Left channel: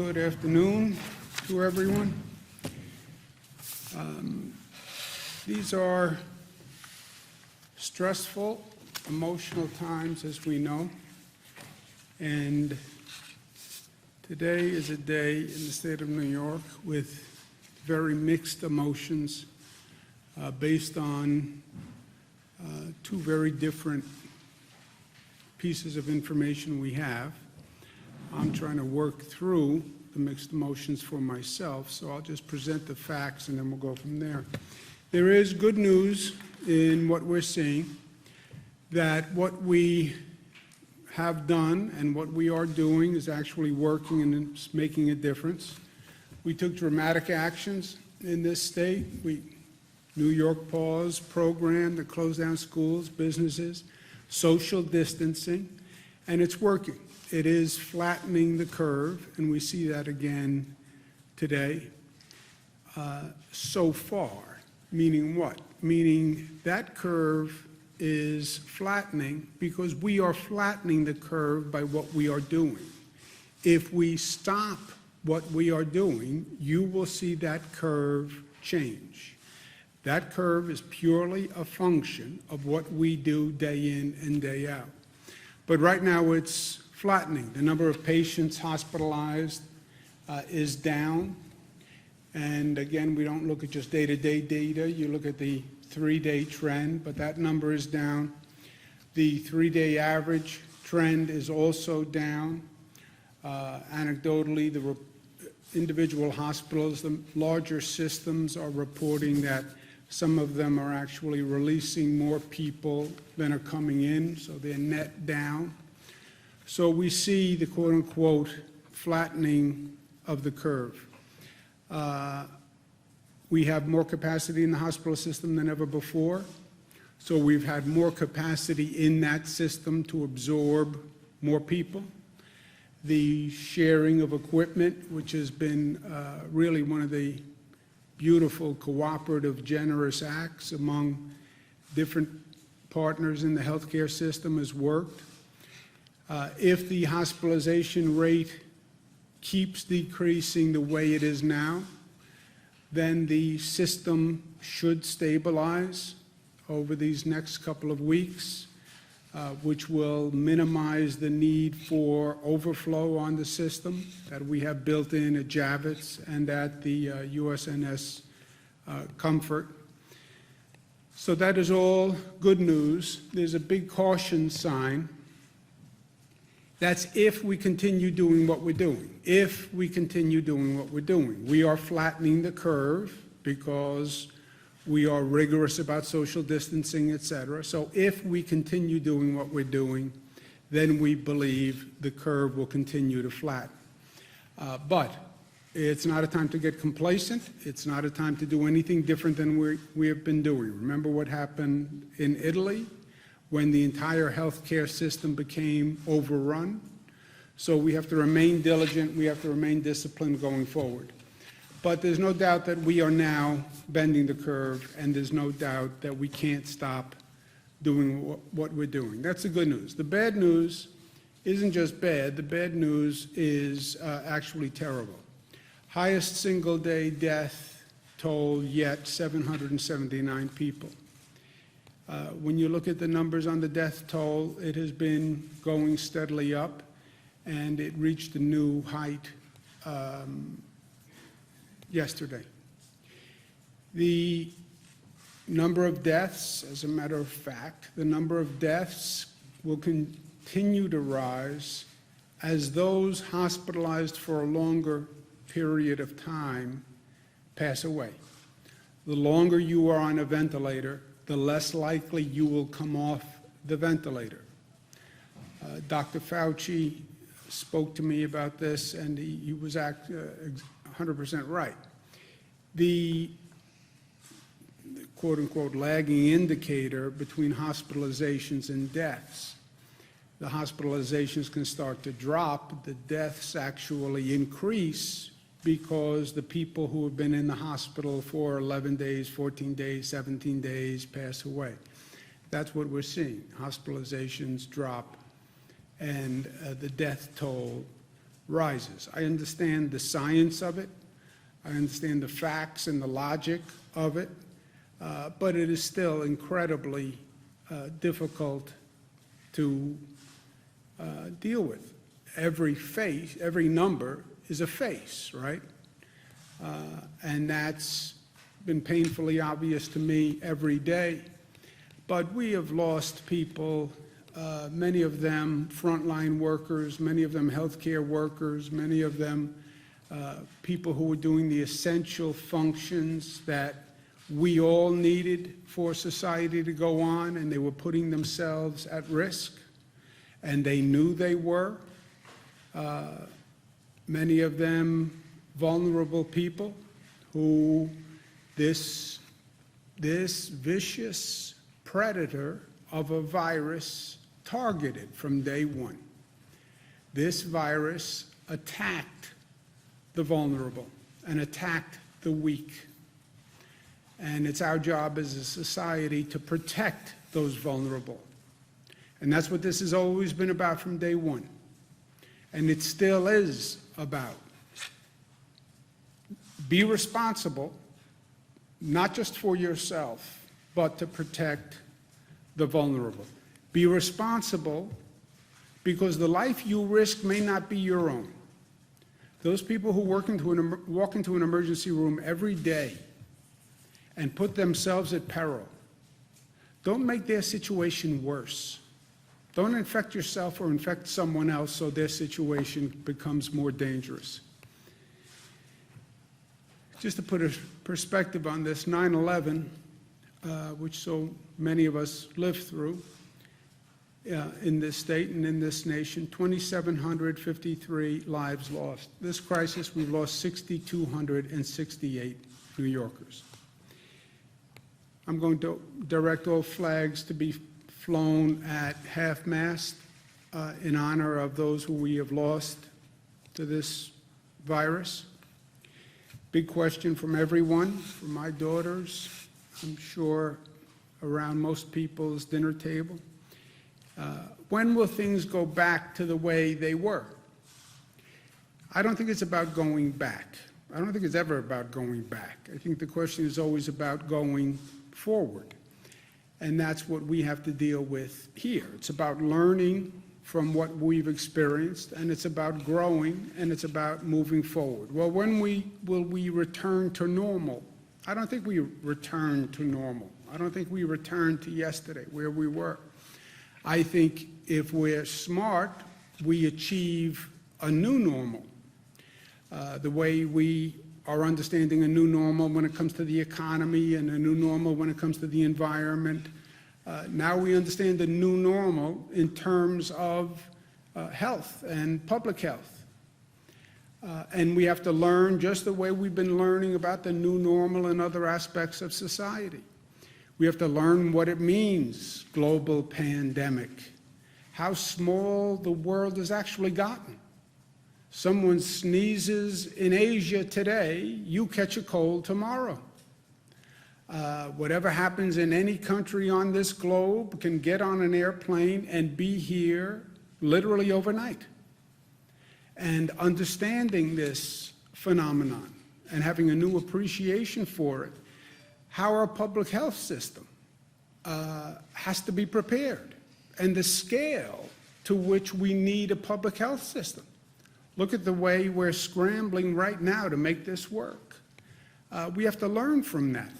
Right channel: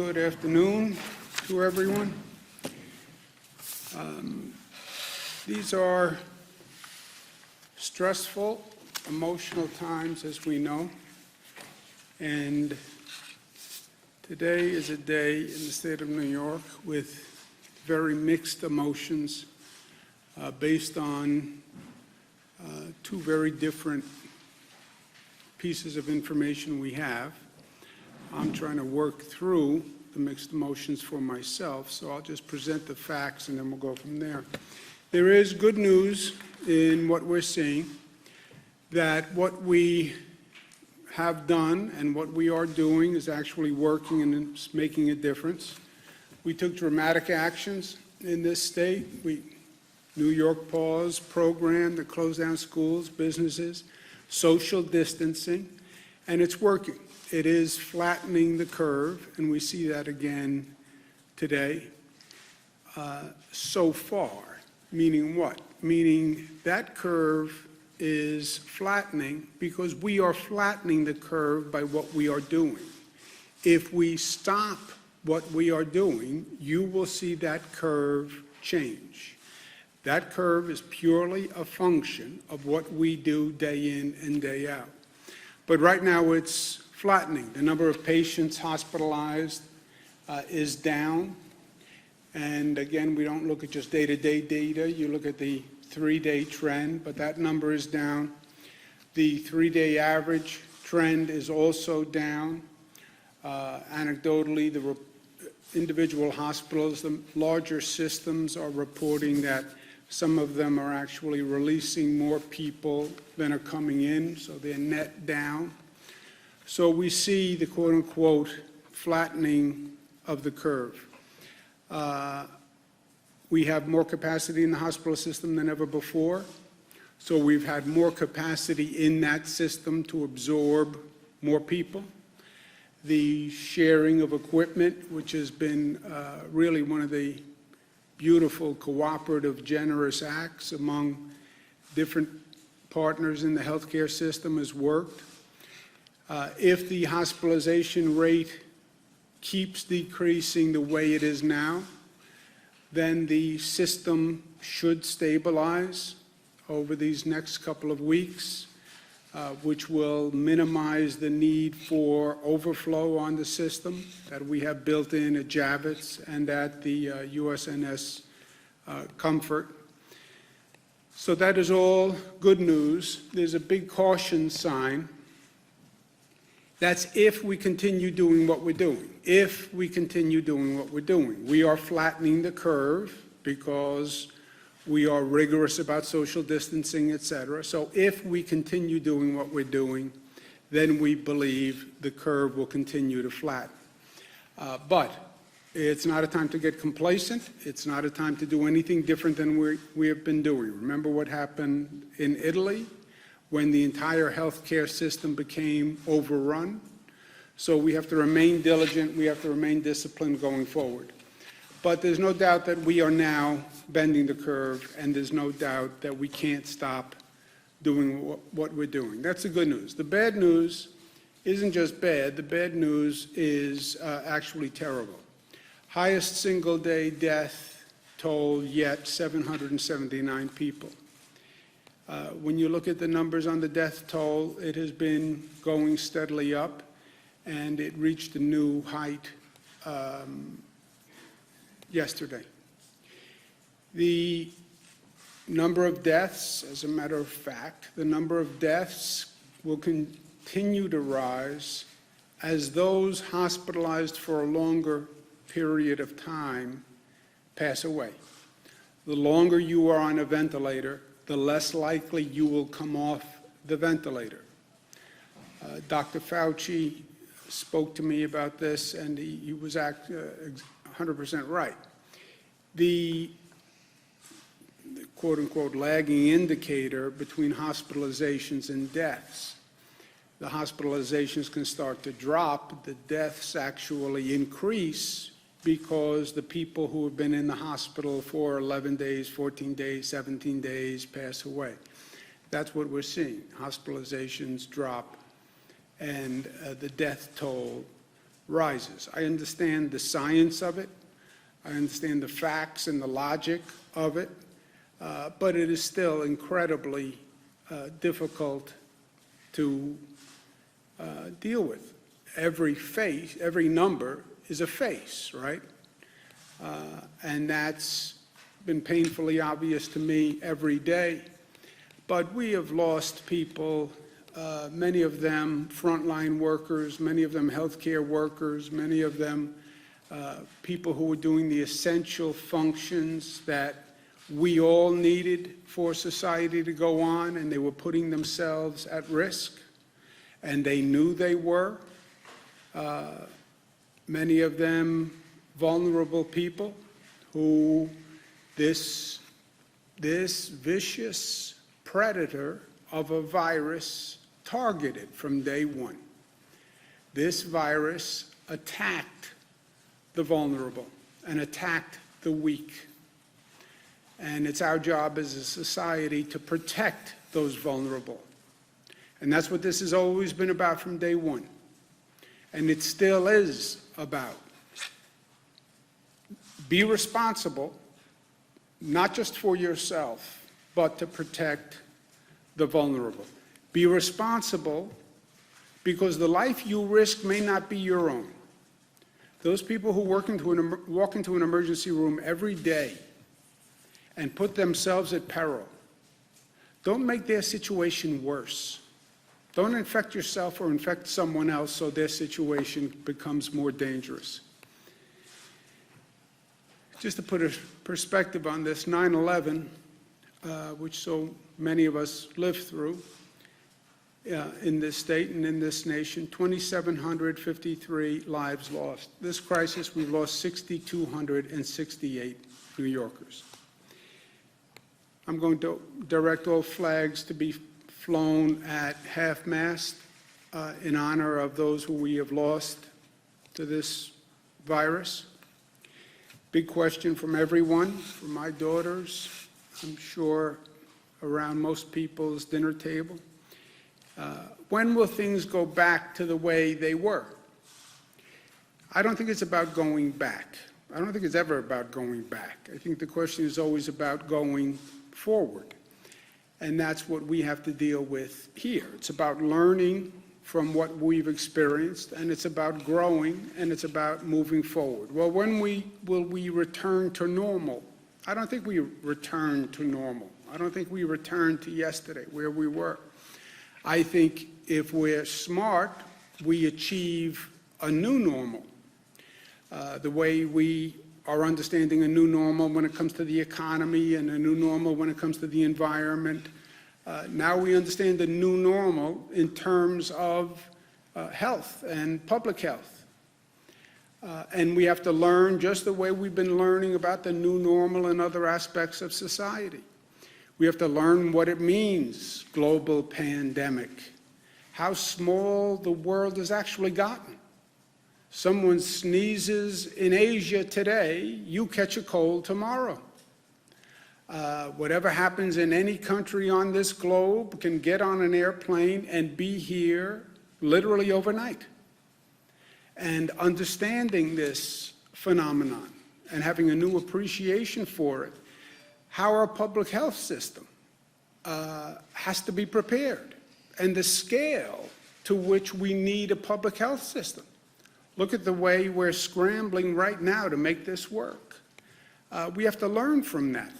Good afternoon to everyone. These are stressful, emotional times, as we know, and today is a day in the state of New York with very mixed emotions based on two very different pieces of information we have. I'm trying to work through the mixed emotions for myself, so I'll just present the facts and then we'll go from there. There is good news in what we're seeing, that what we have done and what we are doing is actually working and it's making a difference. We took dramatic actions in this state. New York Pause program that closed down schools, businesses, social distancing, and it's working. It is flattening the curve, and we see that again today. So far, meaning what? Meaning that curve is flattening because we are flattening the curve by what we are doing. If we stop what we are doing, you will see that curve change. That curve is purely a function of what we do day in and day out. But right now it's flattening. The number of patients hospitalized is down. And again, we don't look at just day-to-day data. You look at the 3-day trend, but that number is down. The 3-day average trend is also down. Anecdotally, the individual hospitals, the larger systems are reporting that some of them are actually releasing more people than are coming in, so they're net down. So we see the quote-unquote flattening of the curve. We have more capacity in the hospital system than ever before. So we've had more capacity in that system to absorb more people. The sharing of equipment, which has been really one of the beautiful, cooperative, generous acts among different partners in the healthcare system, has worked. If the hospitalization rate keeps decreasing the way it is now, then the system should stabilize over these next couple of weeks, which will minimize the need for overflow on the system that we have built in at Javits and at the USNS Comfort. So that is all good news. There's a big caution sign. That's if we continue doing what we're doing. If we continue doing what we're doing. We are flattening the curve because we are rigorous about social distancing, et cetera. So if we continue doing what we're doing, then we believe the curve will continue to flatten. But it's not a time to get complacent. It's not a time to do anything different than we have been doing. Remember what happened in Italy when the entire healthcare system became overrun? So we have to remain diligent. We have to remain disciplined going forward. But there's no doubt that we are now bending the curve, and there's no doubt that we can't stop doing what we're doing. That's the good news. The bad news isn't just bad. The bad news is actually terrible. Highest single-day death toll yet, 779 people. When you look at the numbers on the death toll, it has been going steadily up, and it reached a new height yesterday. The number of deaths, as a matter of fact, the number of deaths will continue to rise as those hospitalized for a longer period of time pass away. The longer you are on a ventilator, the less likely you will come off the ventilator. Dr. Fauci spoke to me about this, and he was 100% right. The quote-unquote lagging indicator between hospitalizations and deaths. The hospitalizations can start to drop. The deaths actually increase because the people who have been in the hospital for 11 days, 14 days, 17 days pass away. That's what we're seeing. Hospitalizations drop and the death toll rises. I understand the science of it. I understand the facts and the logic of it, but it is still incredibly difficult to deal with. Every number is a face, right? And that's been painfully obvious to me every day. But we have lost people, many of them frontline workers, many of them healthcare workers, many of them people who were doing the essential functions that we all needed for society to go on, and they were putting themselves at risk, and they knew they were. Many of them vulnerable people who this vicious predator of a virus targeted from day one. This virus attacked the vulnerable and attacked the weak. And it's our job as a society to protect those vulnerable. And that's what this has always been about from day one. And it still is about. Be responsible, not just for yourself, but to protect the vulnerable. Be responsible because the life you risk may not be your own. Those people who walk into an emergency room every day and put themselves at peril, don't make their situation worse. Don't infect yourself or infect someone else so their situation becomes more dangerous. Just to put a perspective on this, 9/11, which so many of us lived through in this state and in this nation, 2,753 lives lost. This crisis, we've lost 6,268 New Yorkers. I'm going to direct all flags to be flown at half-mast in honor of those who we have lost to this virus. Big question from everyone, from my daughters, I'm sure around most people's dinner table. When will things go back to the way they were? I don't think it's about going back. I don't think it's ever about going back. I think the question is always about going forward. And that's what we have to deal with here. It's about learning from what we've experienced, and it's about growing, and it's about moving forward. Well, when will we return to normal? I don't think we return to normal. I don't think we return to yesterday, where we were. I think if we're smart, we achieve a new normal. The way we are understanding a new normal when it comes to the economy and a new normal when it comes to the environment. Now we understand the new normal in terms of health and public health. And we have to learn just the way we've been learning about the new normal in other aspects of society. We have to learn what it means, global pandemic, how small the world has actually gotten. Someone sneezes in Asia today, you catch a cold tomorrow. Whatever happens in any country on this globe can get on an airplane and be here literally overnight. And understanding this phenomenon and having a new appreciation for it, how our public health system has to be prepared, and the scale to which we need a public health system. Look at the way we're scrambling right now to make this work. We have to learn from that.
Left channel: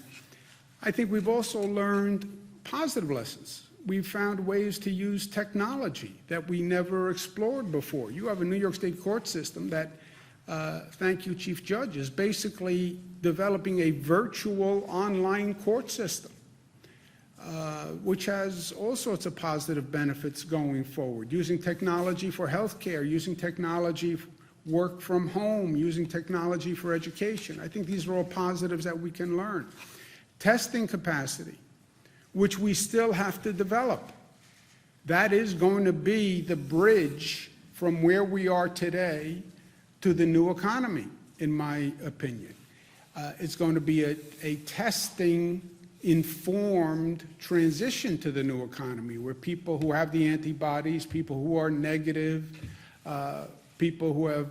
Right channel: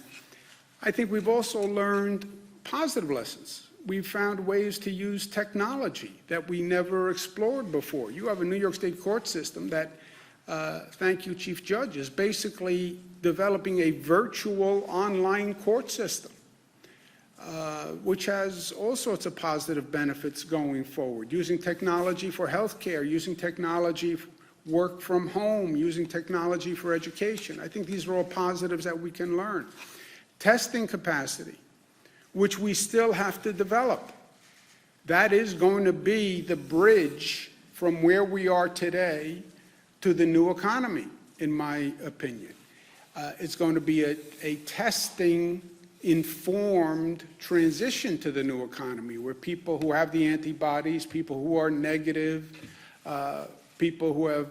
I think we've also learned positive lessons. We've found ways to use technology that we never explored before. You have a New York State court system that, thank you, Chief Judge, is basically developing a virtual online court system, which has all sorts of positive benefits going forward. Using technology for healthcare, using technology for work from home, using technology for education. I think these are all positives that we can learn. Testing capacity, which we still have to develop. That is going to be the bridge from where we are today to the new economy, in my opinion. It's going to be a testing-informed transition to the new economy, where people who have the antibodies, people who are negative, people who have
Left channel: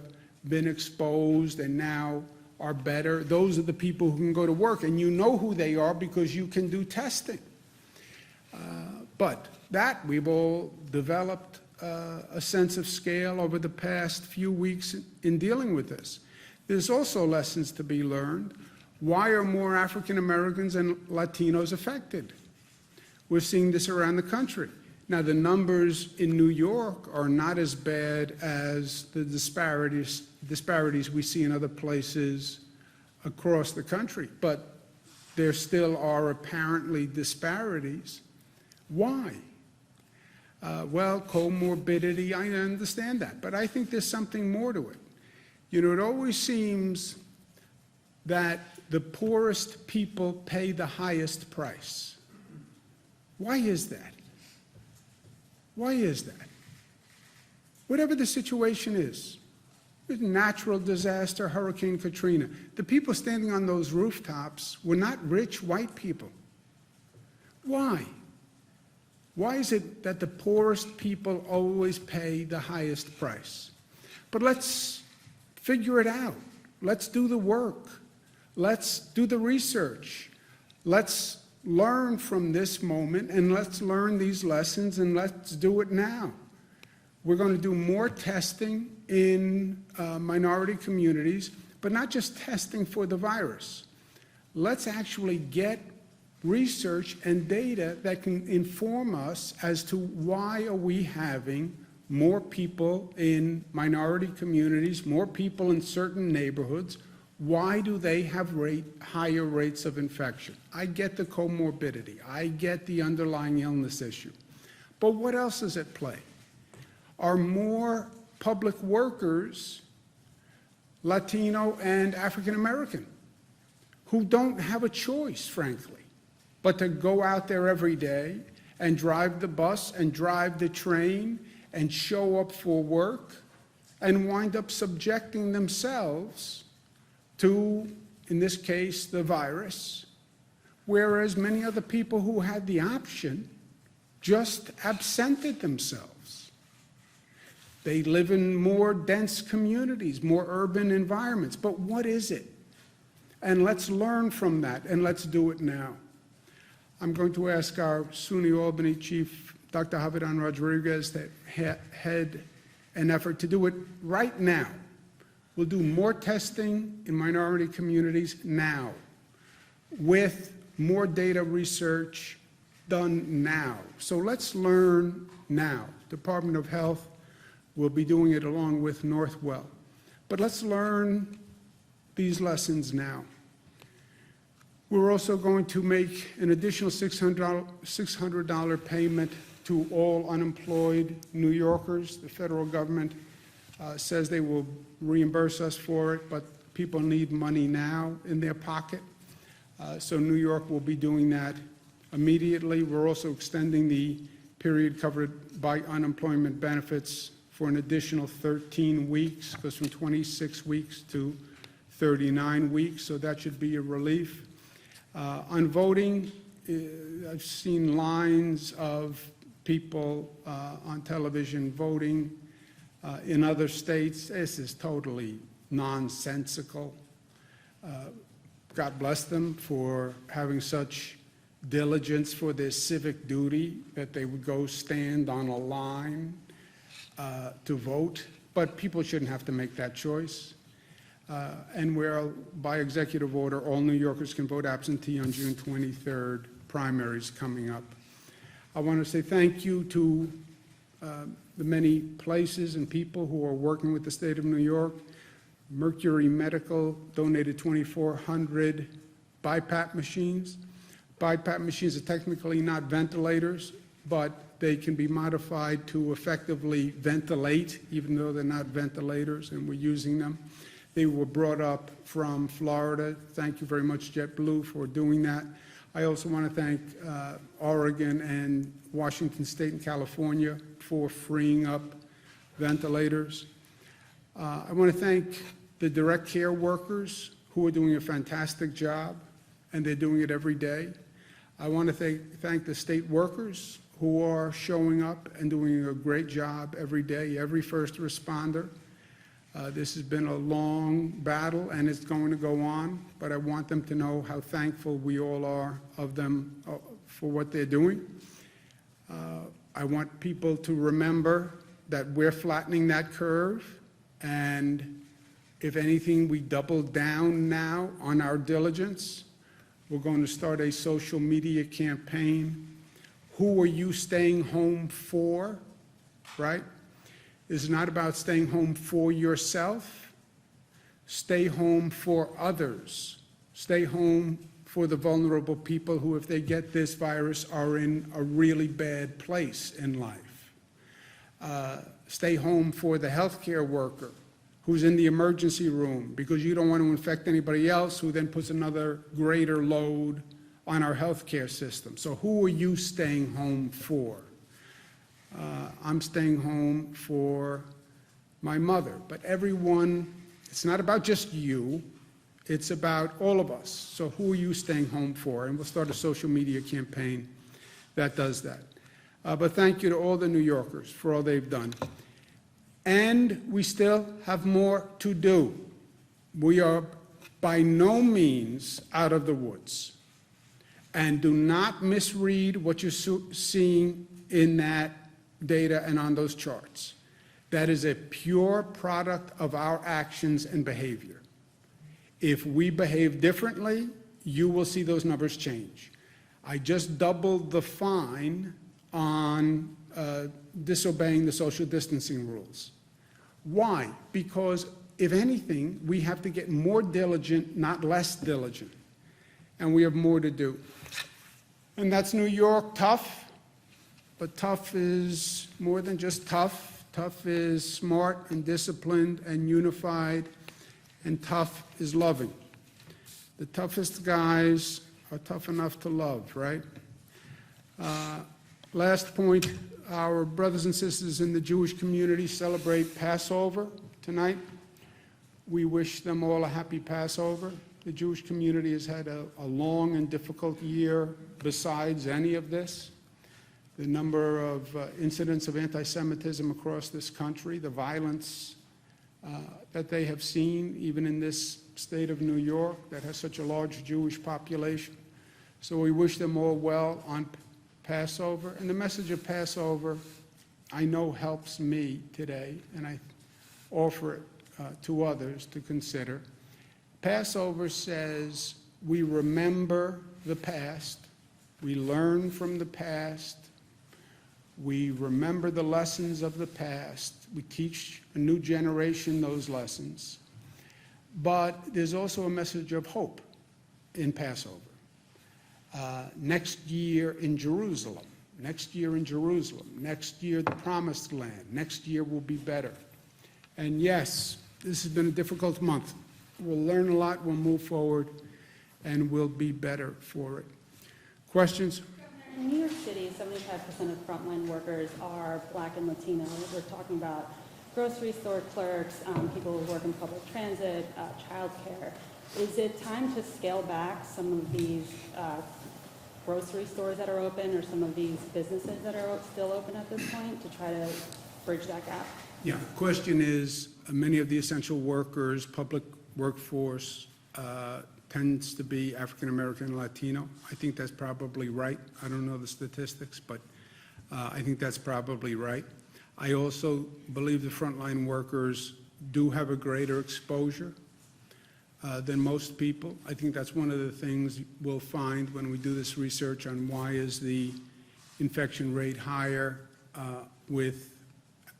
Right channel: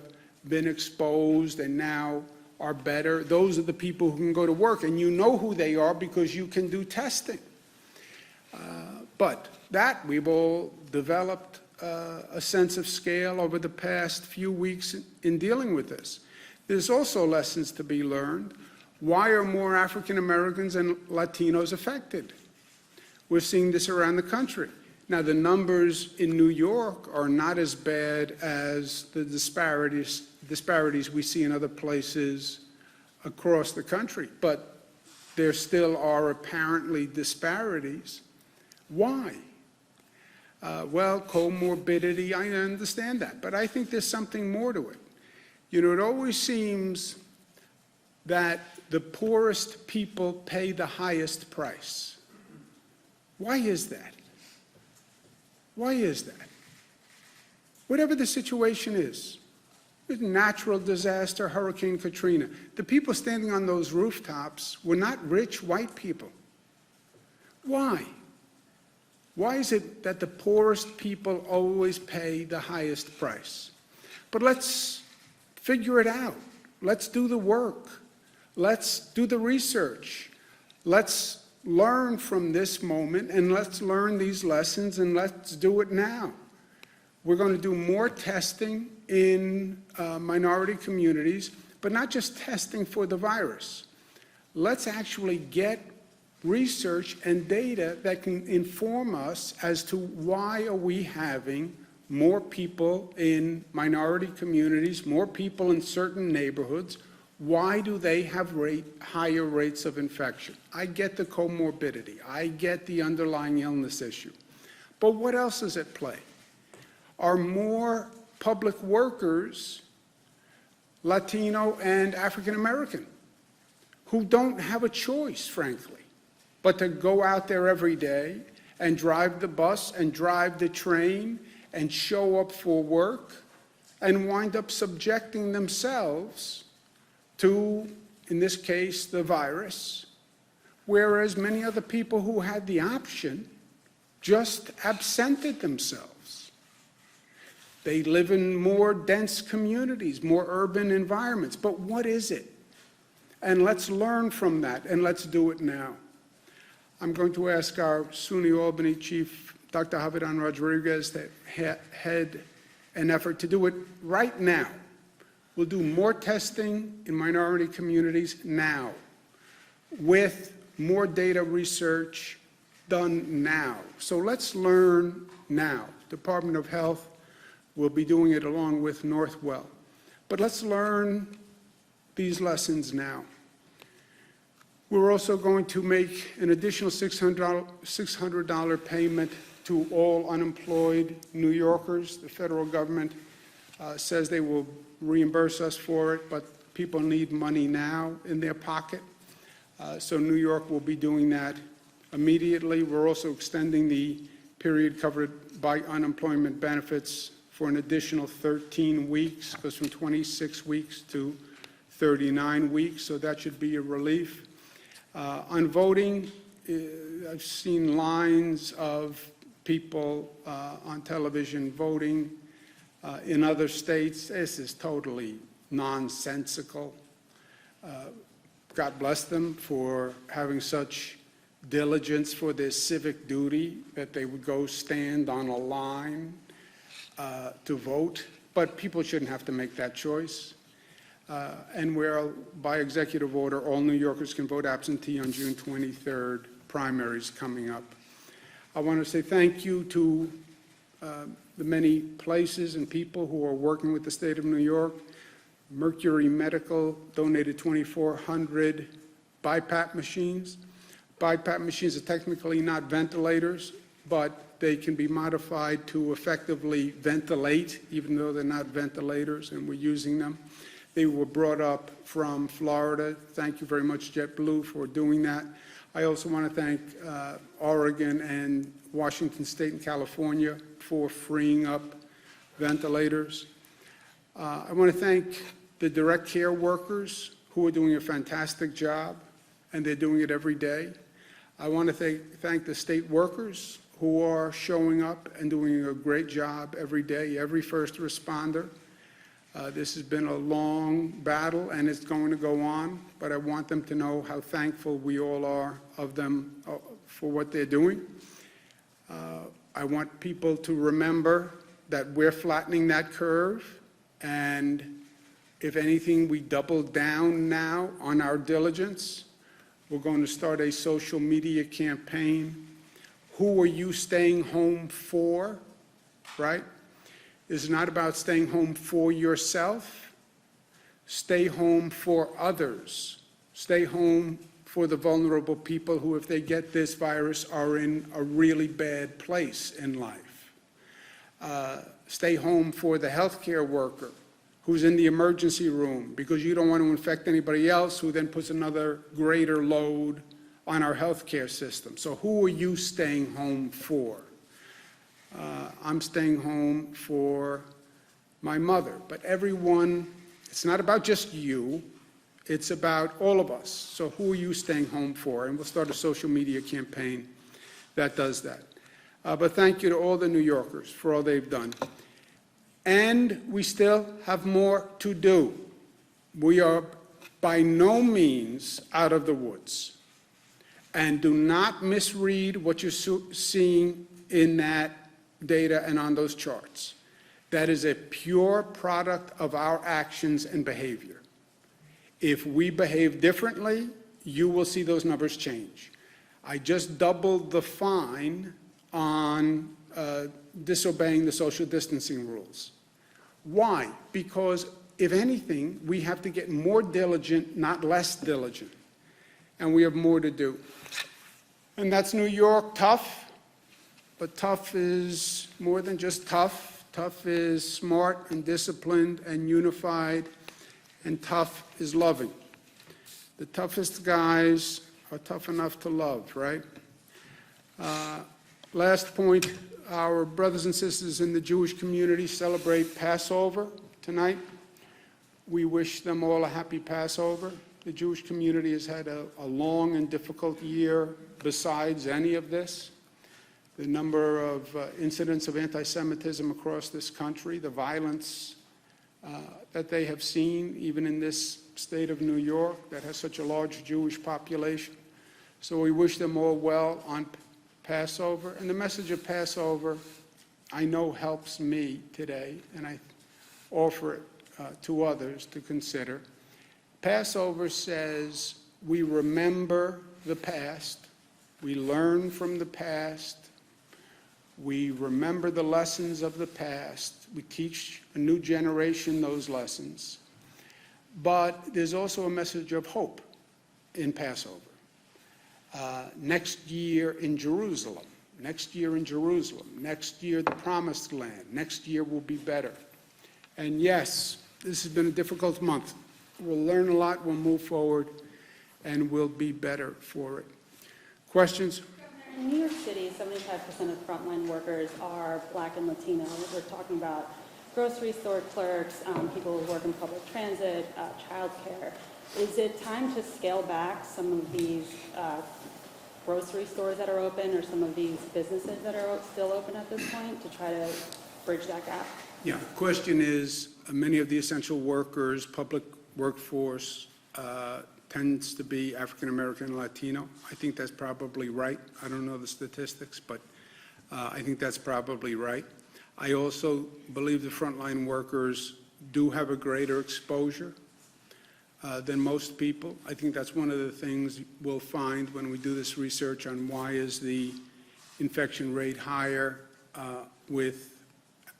been exposed and now are better. Those are the people who can go to work, and you know who they are because you can do testing. But that we've all developed a sense of scale over the past few weeks in dealing with this. There's also lessons to be learned. Why are more African Americans and Latinos affected? We're seeing this around the country. Now, the numbers in New York are not as bad as the disparities we see in other places across the country, but there still are apparently disparities. Why? Well, comorbidity, I understand that, but I think there's something more to it. You know, it always seems that the poorest people pay the highest price. Why is that? Why is that? Whatever the situation is, natural disaster, Hurricane Katrina, the people standing on those rooftops were not rich white people. Why? Why is it that the poorest people always pay the highest price? But let's figure it out. Let's do the work. Let's do the research. Let's learn from this moment, and let's learn these lessons, and let's do it now. We're going to do more testing in minority communities, but not just testing for the virus. Let's actually get research and data that can inform us as to why are we having more people in minority communities, more people in certain neighborhoods. Why do they have higher rates of infection? I get the comorbidity. I get the underlying illness issue. But what else is at play? Are more public workers Latino and African American who don't have a choice, frankly, but to go out there every day and drive the bus and drive the train and show up for work and wind up subjecting themselves to, in this case, the virus, whereas many other people who had the option just absented themselves. They live in more dense communities, more urban environments. But what is it? And let's learn from that, and let's do it now. I'm going to ask our SUNY Albany Chief, Dr. Javidan Rodriguez, to head an effort to do it right now. We'll do more testing in minority communities now, with more data research done now. So let's learn now. Department of Health will be doing it along with Northwell. But let's learn these lessons now. We're also going to make an additional $600 payment to all unemployed New Yorkers. The federal government says they will reimburse us for it, but people need money now in their pocket. So New York will be doing that immediately. We're also extending the period covered by unemployment benefits for an additional 13 weeks, goes from 26 weeks to 39 weeks, so that should be a relief. On voting, I've seen lines of people on television voting in other states. This is totally nonsensical. God bless them for having such diligence for their civic duty that they would go stand on a line to vote, but people shouldn't have to make that choice. And where, by executive order, all New Yorkers can vote absentee on June 23rd, primaries coming up. I want to say thank you to the many places and people who are working with the state of New York. Mercury Medical donated 2,400 BiPAP machines. BiPAP machines are technically not ventilators, but they can be modified to effectively ventilate, even though they're not ventilators, and we're using them. They were brought up from Florida. Thank you very much, JetBlue, for doing that. I also want to thank Oregon and Washington State and California for freeing up ventilators. I want to thank the direct care workers who are doing a fantastic job, and they're doing it every day. I want to thank the state workers who are showing up and doing a great job every day, every first responder. This has been a long battle, and it's going to go on, but I want them to know how thankful we all are of them for what they're doing. I want people to remember that we're flattening that curve, and if anything, we double down now on our diligence. We're going to start a social media campaign. Who are you staying home for, right? It's not about staying home for yourself. Stay home for others. Stay home for the vulnerable people who, if they get this virus, are in a really bad place in life. Stay home for the healthcare worker who's in the emergency room because you don't want to infect anybody else, who then puts another greater load on our healthcare system. So who are you staying home for? I'm staying home for my mother, but everyone, it's not about just you, it's about all of us. So who are you staying home for? And we'll start a social media campaign that does that. But thank you to all the New Yorkers for all they've done. And we still have more to do. We are by no means out of the woods. And do not misread what you're seeing in that data and on those charts. That is a pure product of our actions and behavior. If we behave differently, you will see those numbers change. I just doubled the fine on disobeying the social distancing rules. Why? Because if anything, we have to get more diligent, not less diligent. And we have more to do. And that's New York, tough. But tough is more than just tough. Tough is smart and disciplined and unified. And tough is loving. The toughest guys are tough enough to love, right? Last point, our brothers and sisters in the Jewish community celebrate Passover tonight. We wish them all a happy Passover. The Jewish community has had a long and difficult year besides any of this. The number of incidents of anti-Semitism across this country, the violence that they have seen, even in this state of New York that has such a large Jewish population. So we wish them all well on Passover. And the message of Passover, I know, helps me today, and I offer it to others to consider. Passover says we remember the past, we learn from the past, we remember the lessons of the past, we teach a new generation those lessons. But there's also a message of hope in Passover. Next year in Jerusalem, next year in Jerusalem, next year the Promised Land, next year will be better. And yes, this has been a difficult month. We'll learn a lot, we'll move forward, and we'll be better for it. Questions? In New York City, 75% of frontline workers are Black and Latino. We're talking about grocery store clerks, people who work in public transit, childcare. Is it time to scale back some of these grocery stores that are open, or some of these businesses that are still open at this point, to try to bridge that gap? Yeah, the question is, many of the essential workers, public workforce, tends to be African American and Latino. I think that's probably right. I don't know the statistics, but I think that's probably right. I also believe the frontline workers do have a greater exposure than most people. I think that's one of the things we'll find when we do this research on why is the infection rate higher with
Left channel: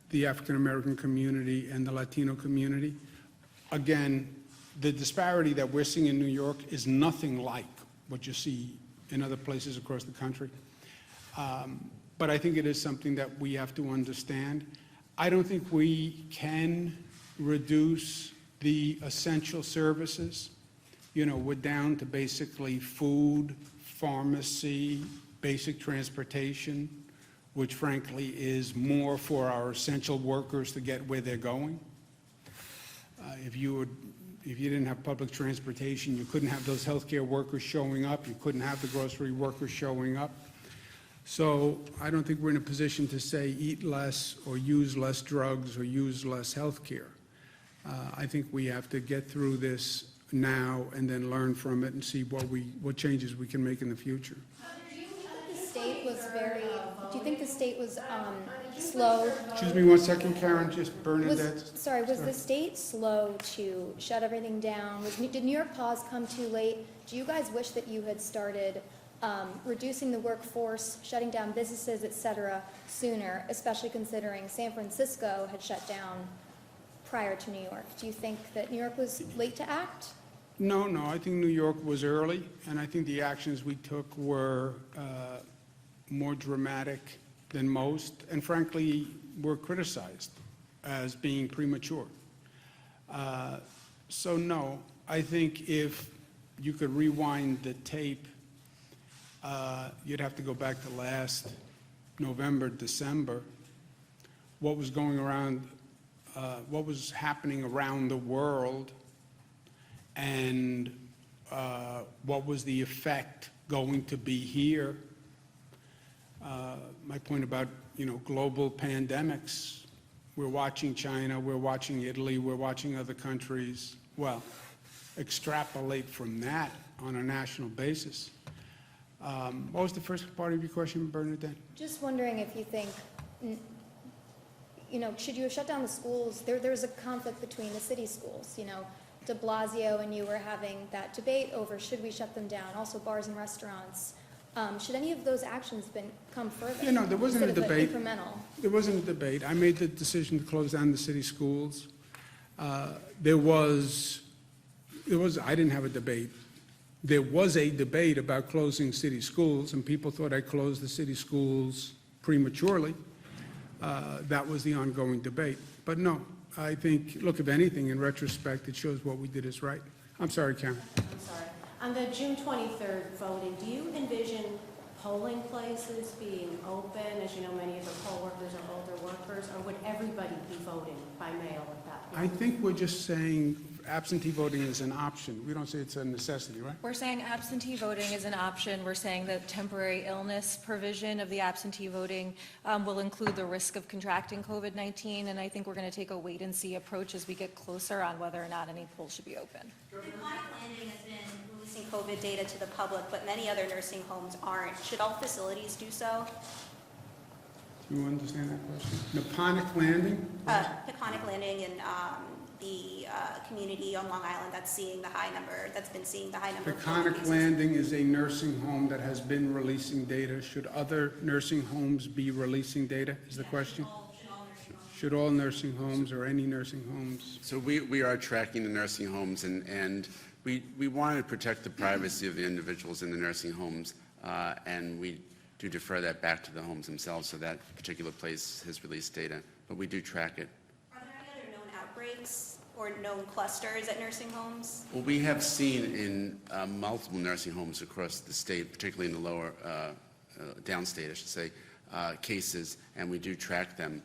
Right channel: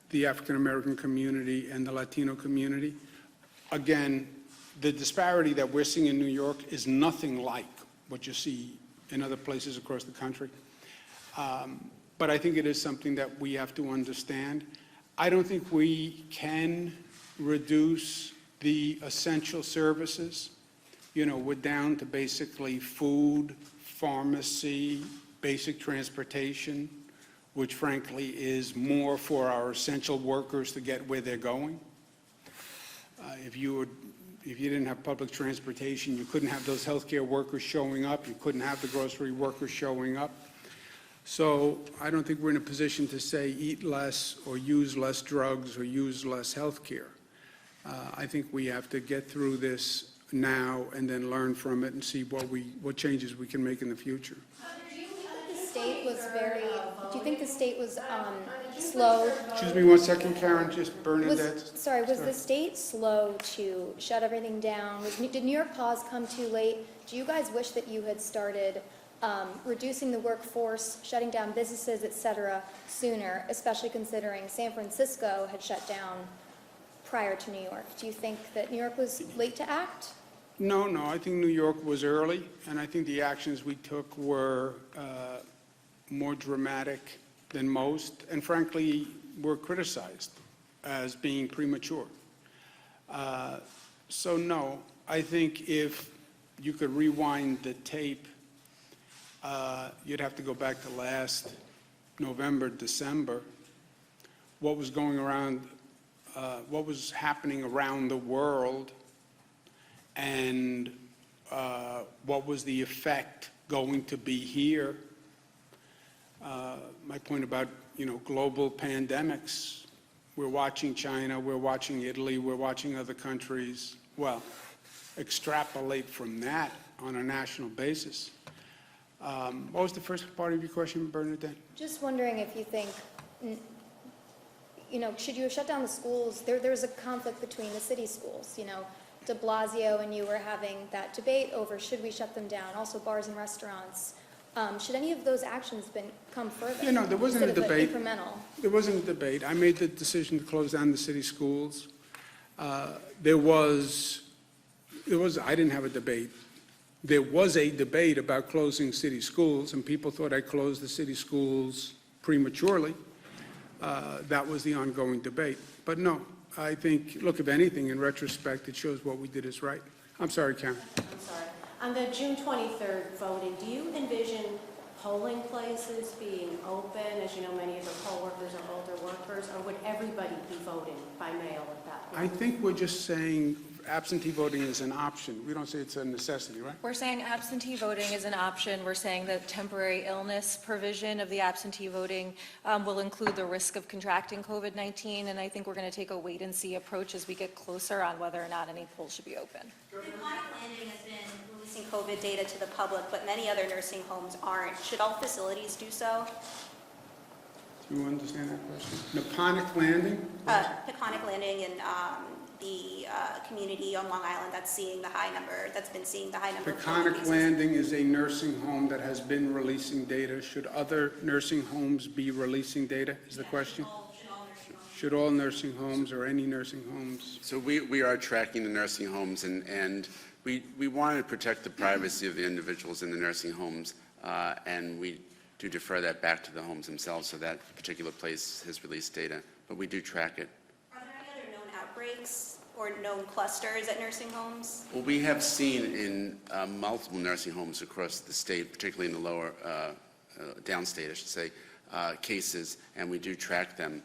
the African American community and the Latino community. Again, the disparity that we're seeing in New York is nothing like what you see in other places across the country. But I think it is something that we have to understand. I don't think we can reduce the essential services. You know, we're down to basically food, pharmacy, basic transportation, which frankly is more for our essential workers to get where they're going. If you didn't have public transportation, you couldn't have those healthcare workers showing up, you couldn't have the grocery workers showing up. So I don't think we're in a position to say eat less or use less drugs or use less healthcare. I think we have to get through this now and then learn from it and see what changes we can make in the future. Do you think the state was slow? Excuse me one second, Karen, just Bernadette. Was the state slow to shut everything down? Did New York Pause come too late? Do you guys wish that you had started reducing the workforce, shutting down businesses, et cetera, sooner, especially considering San Francisco had shut down prior to New York? Do you think that New York was late to act? No, I think New York was early, and I think the actions we took were more dramatic than most, and frankly, were criticized as being premature. So no, I think if you could rewind the tape, you'd have to go back to last November, December, what was going around, what was happening around the world, and what was the effect going to be here. My point about, global pandemics, we're watching China, we're watching Italy, we're watching other countries. Well, extrapolate from that on a national basis. What was the first part of your question, Bernadette? Just wondering if you think, should you have shut down the schools? There's a conflict between the city schools, de Blasio and you were having that debate over should we shut them down, also bars and restaurants. Should any of those actions come further? There wasn't a debate. Incremental? There wasn't a debate. I made the decision to close down the city schools. I didn't have a debate. There was a debate about closing city schools, and people thought I closed the city schools prematurely. That was the ongoing debate. But no, I think, look, if anything, in retrospect, it shows what we did is right. I'm sorry, Karen. I'm sorry. On the June 23rd voting, do you envision polling places being open? As you know, many of the poll workers are older workers, or would everybody be voting by mail at that point? I think we're just saying absentee voting is an option. We don't say it's a necessity, right? We're saying absentee voting is an option. We're saying the temporary illness provision of the absentee voting will include the risk of contracting COVID-19, and I think we're going to take a wait-and-see approach as we get closer on whether or not any polls should be open. Chronic Landing has been releasing COVID data to the public, but many other nursing homes aren't. Should all facilities do so? Do you understand that question? Naponic Landing? Peconic Landing in the community on Long Island that's been seeing the high number of COVID Peconic cases. Landing is a nursing home that has been releasing data. Should other nursing homes be releasing data, is the question? Should all nursing homes or any nursing homes? So we are tracking the nursing homes, and we want to protect the privacy of the individuals in the nursing homes, and we do defer that back to the homes themselves, so that particular place has released data, but we do track it. Are there any other known outbreaks or known clusters at nursing homes? Well, we have seen in multiple nursing homes across the state, particularly in the lower, downstate, I should say, cases, and we do track them.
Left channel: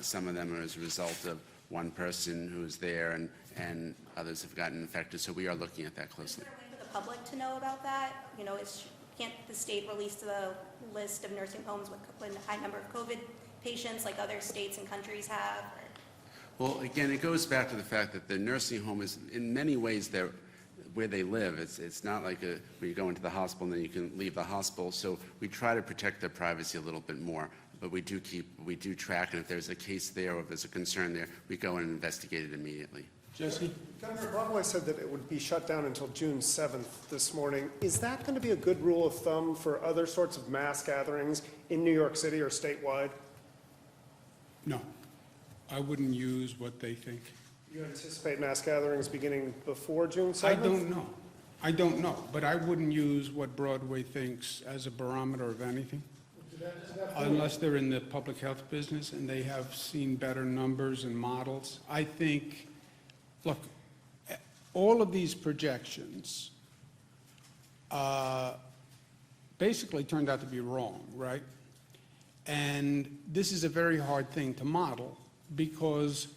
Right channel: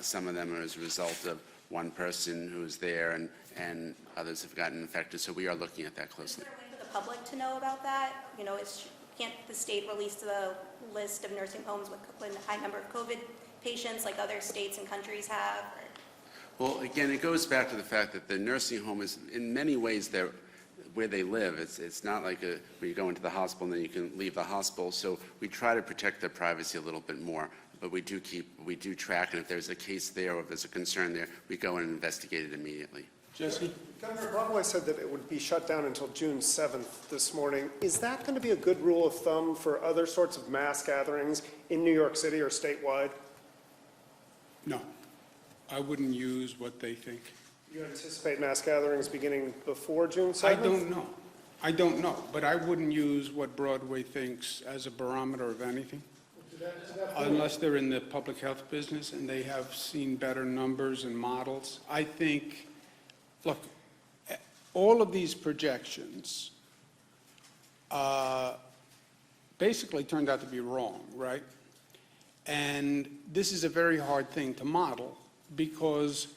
Some of them are as a result of one person who's there, and others have gotten infected, so we are looking at that closely. Is there a way for the public to know about that? Can't the state release the list of nursing homes with a high number of COVID patients like other states and countries have? Well, again, it goes back to the fact that the nursing home is, in many ways, where they live. It's not like where you go into the hospital and then you can leave the hospital. So we try to protect their privacy a little bit more. But we do track, and if there's a case there or if there's a concern there, we go in and investigate it immediately. Jesse? Governor Broadway said that it would be shut down until June 7th this morning. Is that going to be a good rule of thumb for other sorts of mass gatherings in New York City or statewide? No. I wouldn't use what they think. You anticipate mass gatherings beginning before June 7th? I don't know, but I wouldn't use what Broadway thinks as a barometer of anything. Unless they're in the public health business and they have seen better numbers and models. I think, look, all of these projections basically turned out to be wrong, right? And this is a very hard thing to model because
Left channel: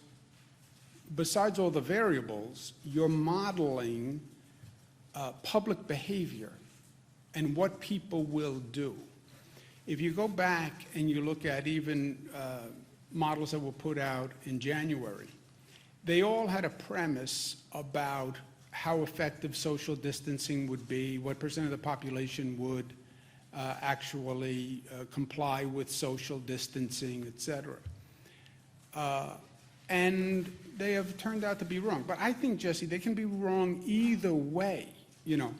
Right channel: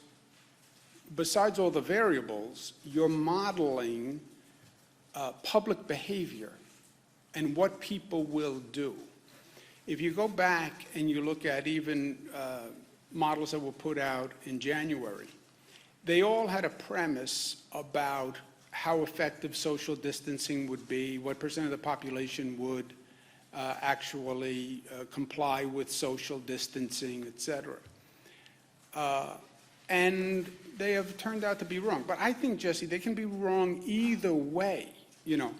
besides all the variables, you're modeling public behavior and what people will do. If you go back and you look at even models that were put out in January, they all had a premise about how effective social distancing would be, what percent of the population would actually comply with social distancing, et cetera. And they have turned out to be wrong. But I think, Jesse, they can be wrong either way. You know,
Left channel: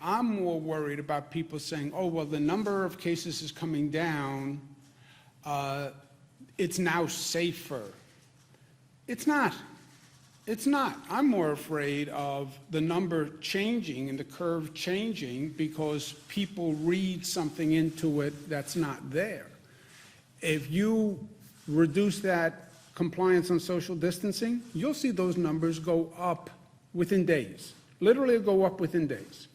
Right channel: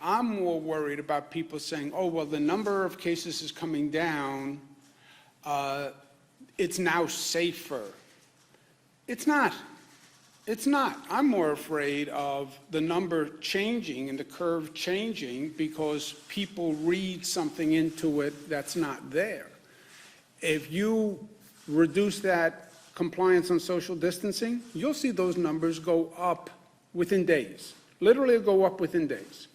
I'm more worried about people saying, oh, well, the number of cases is coming down, it's now safer. It's not. It's not. I'm more afraid of the number changing and the curve changing because people read something into it that's not there. If you reduce that compliance on social distancing, you'll see those numbers go up within days. Literally go up within days.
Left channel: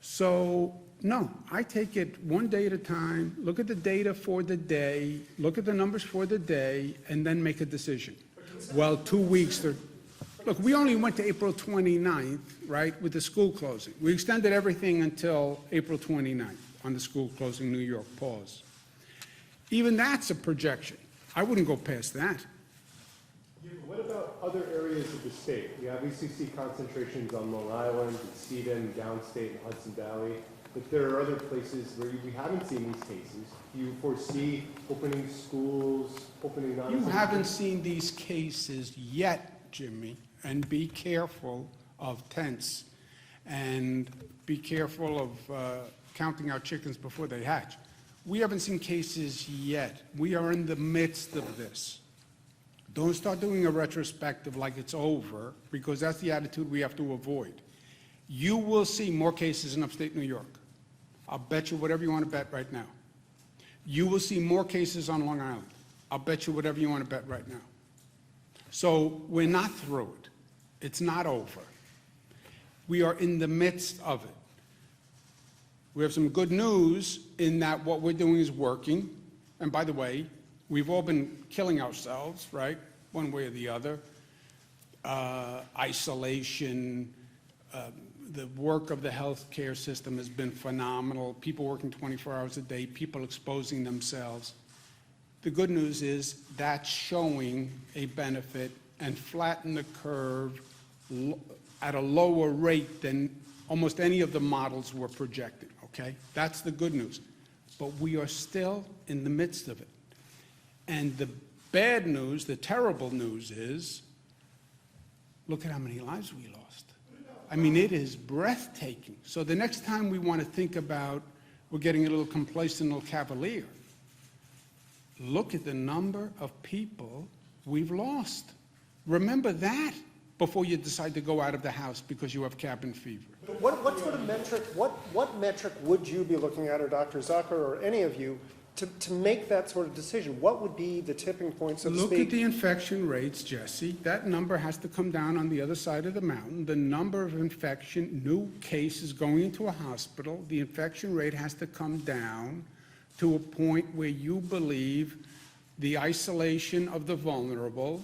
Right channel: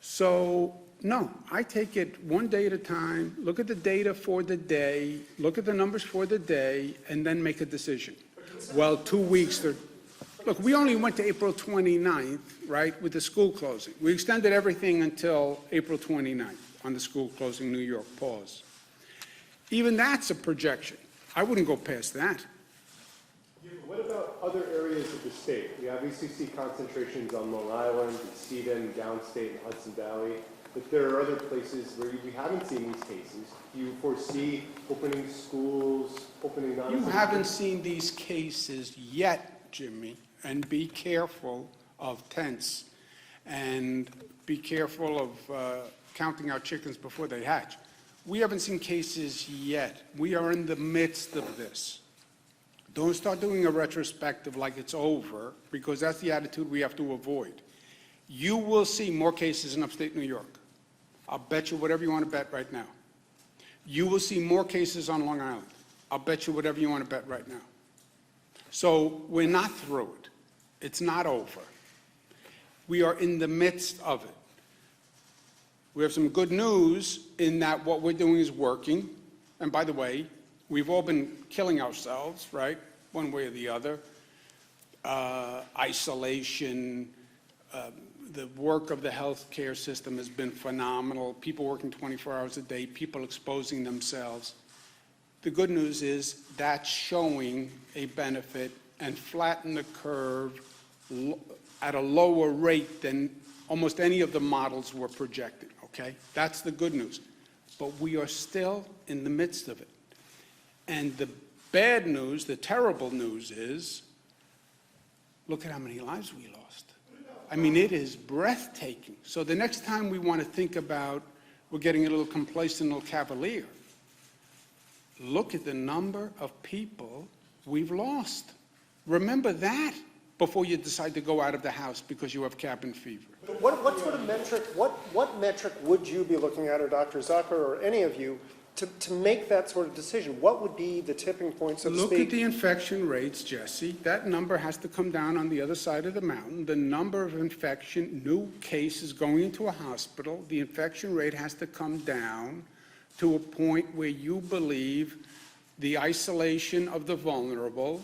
So, no, I take it one day at a time, look at the data for the day, look at the numbers for the day, and then make a decision. Well, 2 weeks, look, we only went to April 29th, right, with the school closing. We extended everything until April 29th on the school closing, New York pause. Even that's a projection. I wouldn't go past that. Yeah, but what about other areas of the state? We obviously see concentrations on Long Island, Edina, downstate, and Hudson Valley, but there are other places where we haven't seen these cases. Do you foresee opening schools, opening non- You haven't seen these cases yet, Jimmy, and be careful of tense, and be careful of counting our chickens before they hatch. We haven't seen cases yet. We are in the midst of this. Don't start doing a retrospective like it's over, because that's the attitude we have to avoid. You will see more cases in upstate New York. I'll bet you whatever you want to bet right now. You will see more cases on Long Island. I'll bet you whatever you want to bet right now. So we're not through it. It's not over. We are in the midst of it. We have some good news in that what we're doing is working. And by the way, we've all been killing ourselves, right? One way or the other. Isolation, the work of the healthcare system has been phenomenal. People working 24 hours a day, people exposing themselves. The good news is that's showing a benefit and flatten the curve at a lower rate than almost any of the models were projecting, okay? That's the good news. But we are still in the midst of it. And the bad news, the terrible news is, look at how many lives we lost. I mean, it is breathtaking. So the next time we want to think about, we're getting a little complacent, a little cavalier, look at the number of people we've lost. Remember that before you decide to go out of the house because you have cabin fever. But what sort of metric, what metric would you be looking at, or Dr. Zucker, or any of you, to make that sort of decision? What would be the tipping point, so to speak? Look at the infection rates, Jesse. That number has to come down on the other side of the mountain. The number of new cases going into a hospital, the infection rate has to come down to a point where you believe the isolation of the vulnerable,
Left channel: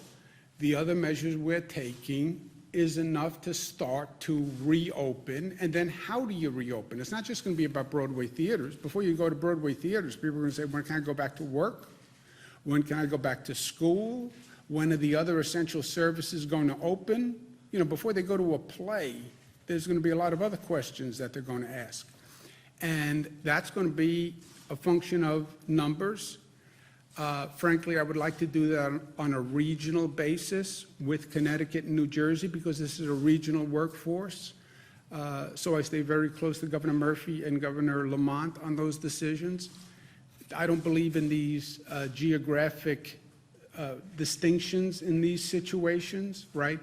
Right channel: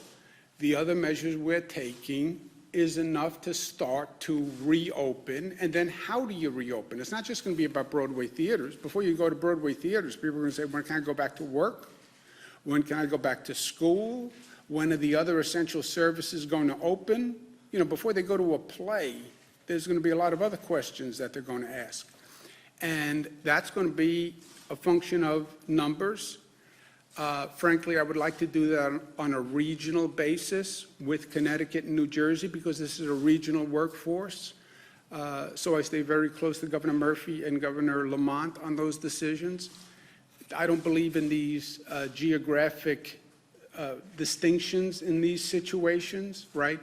the other measures we're taking, is enough to start to reopen. And then how do you reopen? It's not just going to be about Broadway theaters. Before you go to Broadway theaters, people are going to say, when can I go back to work? When can I go back to school? When are the other essential services going to open? You know, before they go to a play, there's going to be a lot of other questions that they're going to ask. And that's going to be a function of numbers. Frankly, I would like to do that on a regional basis with Connecticut and New Jersey, because this is a regional workforce. So I stay very close to Governor Murphy and Governor Lamont on those decisions. I don't believe in these geographic distinctions in these situations, right?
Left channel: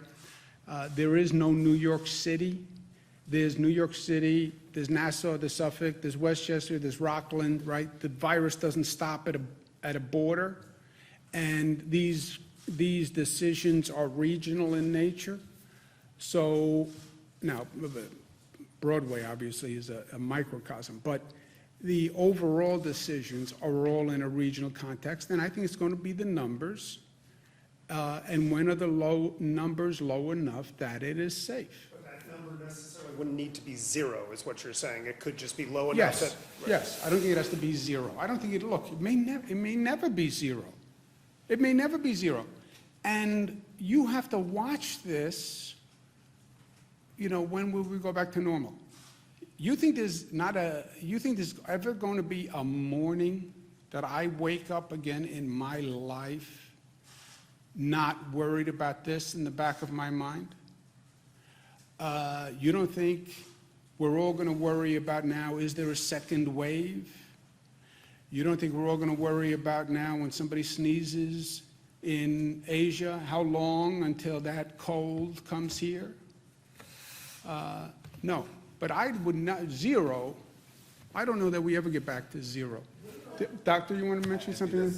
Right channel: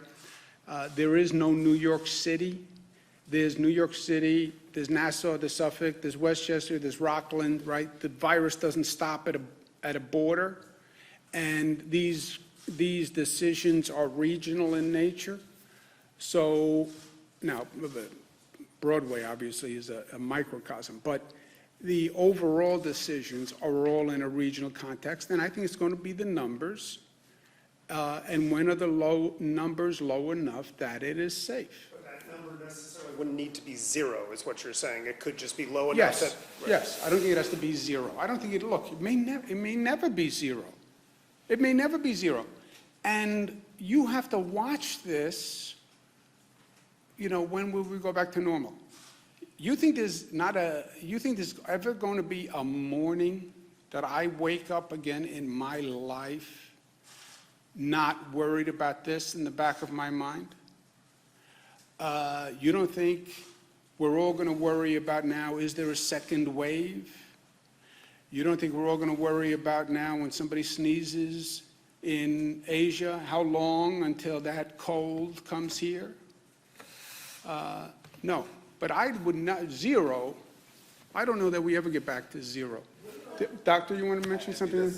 There is no New York City. There's New York City, there's Nassau, there's Suffolk, there's Westchester, there's Rockland, right? The virus doesn't stop at a border, and these decisions are regional in nature. So now, Broadway obviously is a microcosm, but the overall decisions are all in a regional context, and I think it's going to be the numbers, and when are the numbers low enough that it is safe? But that number necessarily wouldn't need to be zero, is what you're saying. It could just be low enough Yes, that... yes. I don't think it has to be zero. I don't think it may never be zero. It may never be zero. And you have to watch this, when will we go back to normal? You think there's ever going to be a morning that I wake up again in my life not worried about this in the back of my mind? You don't think we're all going to worry about now, is there a second wave? You don't think we're all going to worry about now when somebody sneezes in Asia, how long until that cold comes here? No, but I would not, zero, I don't know that we ever get back to zero. Doctor, you want to mention something?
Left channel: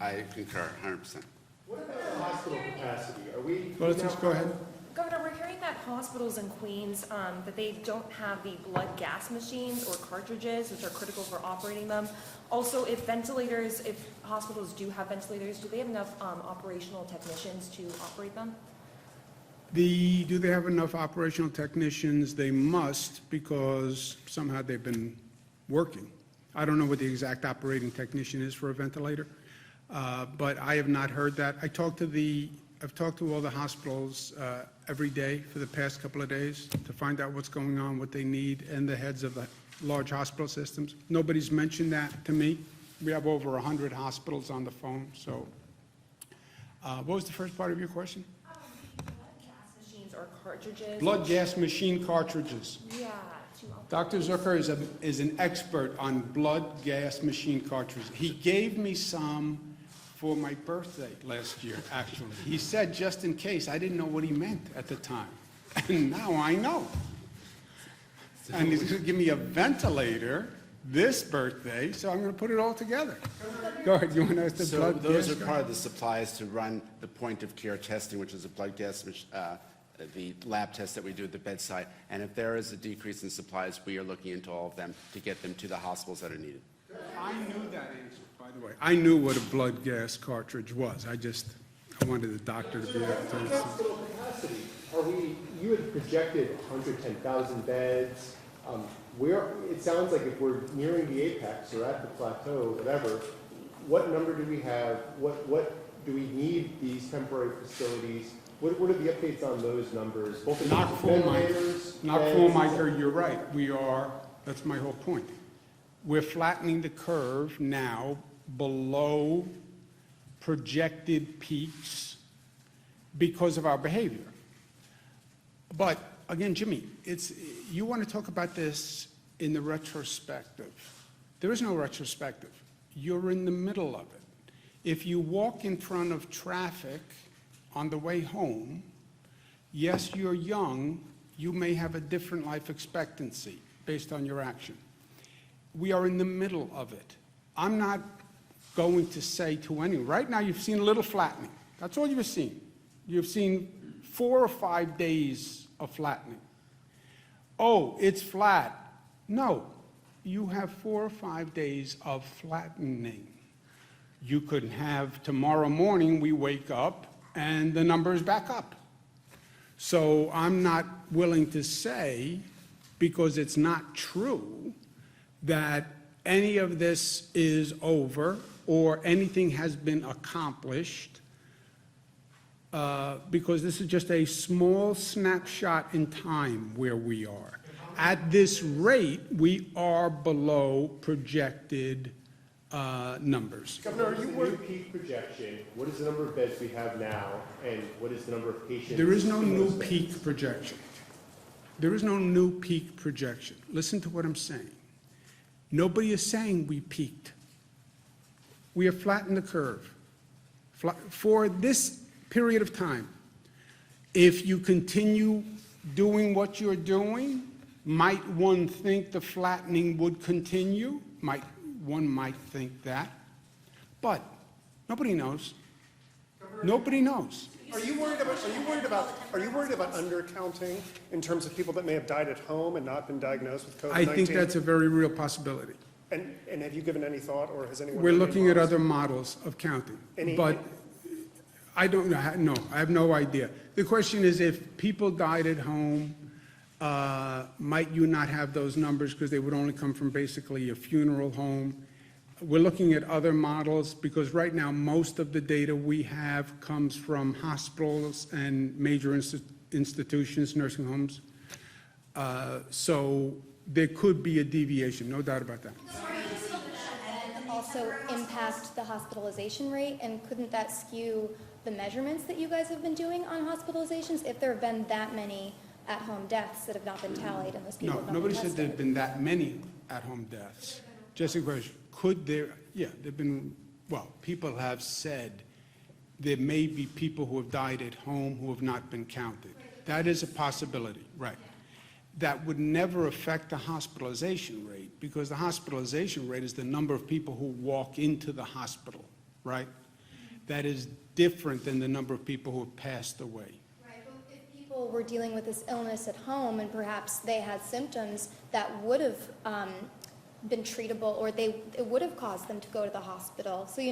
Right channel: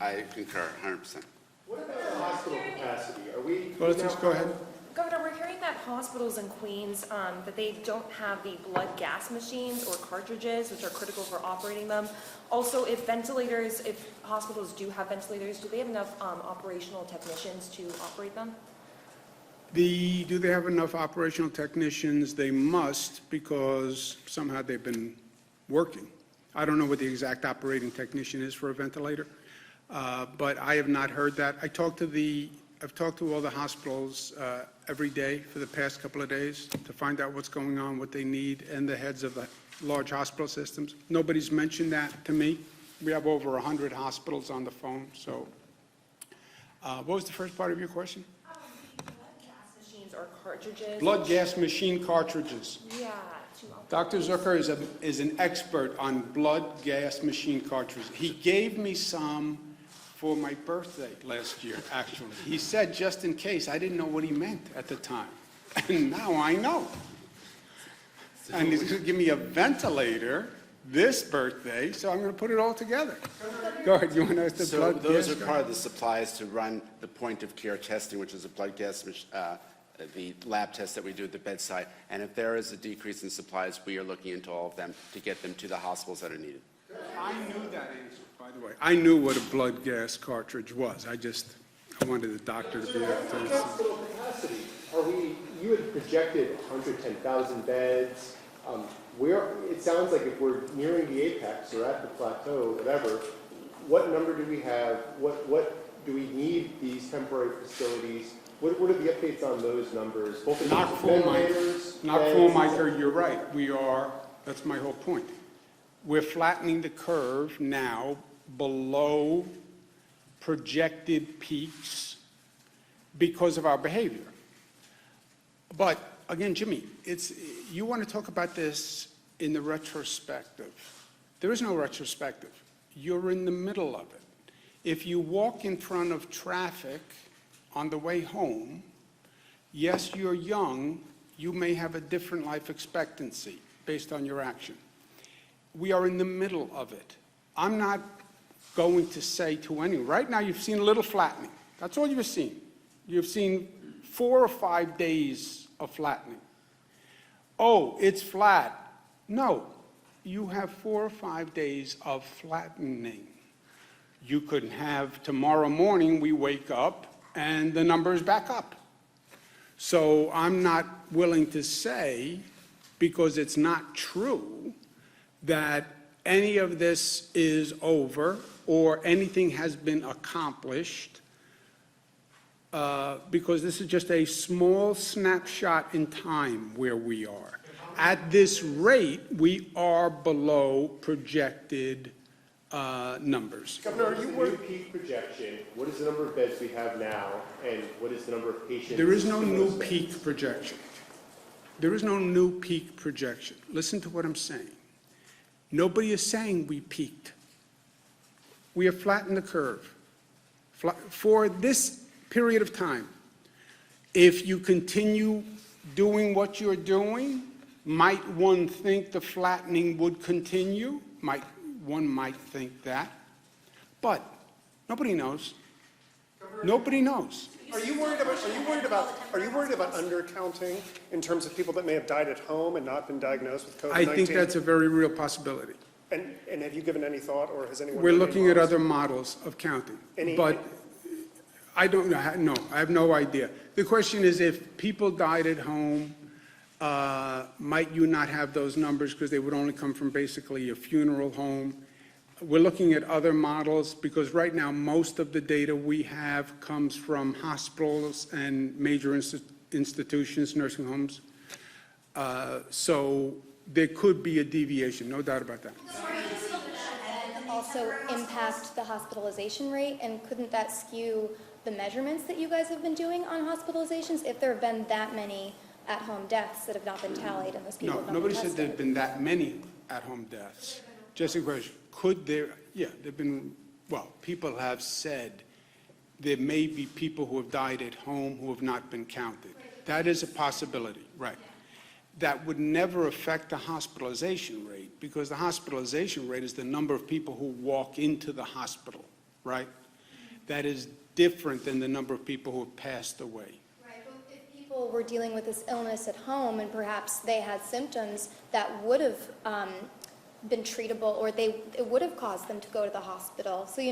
I concur 100%. What about hospital capacity? Are we? Well, let's just go ahead. Governor, we're hearing that hospitals in Queens, that they don't have the blood gas machines or cartridges, which are critical for operating them. Also, if hospitals do have ventilators, do they have enough operational technicians to operate them? Do they have enough operational technicians? They must, because somehow they've been working. I don't know what the exact operating technician is for a ventilator, but I have not heard that. I've talked to all the hospitals every day for the past couple of days to find out what's going on, what they need, and the heads of the large hospital systems. Nobody's mentioned that to me. We have over 100 hospitals on the phone, so. What was the first part of your question? Blood gas machines or cartridges? Blood gas machine cartridges. Yeah. Dr. Zucker is an expert on blood gas machine cartridges. He gave me some for my birthday last year, actually. He said, just in case. I didn't know what he meant at the time. And now I know. And he's going to give me a ventilator this birthday, so I'm going to put it all together. Go ahead, you want to ask the So blood those gas are part of the supplies to run the point-of-care testing, which is a blood gas, the lab test that we do at the bedside. And if there is a decrease in supplies, we are looking into all of them to get them to the hospitals that are needed. I knew that answer, by the way. I knew what a blood gas cartridge was. I wanted the doctor to be able to. Hospital capacity, you had projected 110,000 beds. It sounds like if we're nearing the apex or at the plateau, whatever, what number do we have? What do we need these temporary facilities? What are the updates on those numbers? Both in Not full, Mike. ventilators, Not beds, full, Mike, you're right. That's my whole point. We're flattening the curve now below projected peaks because of our behavior. But again, Jimmy, you want to talk about this in the retrospective. There is no retrospective. You're in the middle of it. If you walk in front of traffic on the way home, yes, you're young, you may have a different life expectancy based on your action. We are in the middle of it. I'm not going to say to anyone, right now you've seen a little flattening. That's all you've seen. You've seen 4 or 5 days of flattening. Oh, it's flat. No, you have 4 or 5 days of flattening. You could have tomorrow morning we wake up and the number is back up. So I'm not willing to say, because it's not true, that any of this is over or anything has been accomplished, because this is just a small snapshot in time where we are. At this rate, we are below projected numbers. Governor, are you worried? Peak projection, what is the number of beds we have now, and what is the number of patients? There is no in new those beds? peak projection. There is no new peak projection. Listen to what I'm saying. Nobody is saying we peaked. We have flattened the curve for this period of time. If you continue doing what you're doing, might one think the flattening would continue? One might think that. But nobody knows. Nobody knows. Are you worried about undercounting in terms of people that may have died at home and not been diagnosed with COVID-19? I think that's a very real possibility. And have you given any thought, or has anyone? We're done any looking at models? other models of counting, Any- but I don't know, no, I have no idea. The question is, if people died at home, might you not have those numbers because they would only come from basically a funeral home? We're looking at other models because right now, most of the data we have comes from hospitals and major institutions, nursing homes. So there could be a deviation, no doubt about that. And also impact the hospitalization rate, and couldn't that skew the measurements that you guys have been doing on hospitalizations if there have been that many at-home deaths that have not been tallied and those people No, have not been nobody said tested? there'd been that many at-home deaths. Jessica, question, could there, yeah, there've been, well, people have said there may be people who have died at home who have not been counted. That is a possibility, right. That would never affect the hospitalization rate, because the hospitalization rate is the number of people who walk into the hospital, right? That is different than the number of people who have passed away. Right, but if people were dealing with this illness at home and perhaps they had symptoms that would have been treatable, or it would have caused them to go to the hospital. So,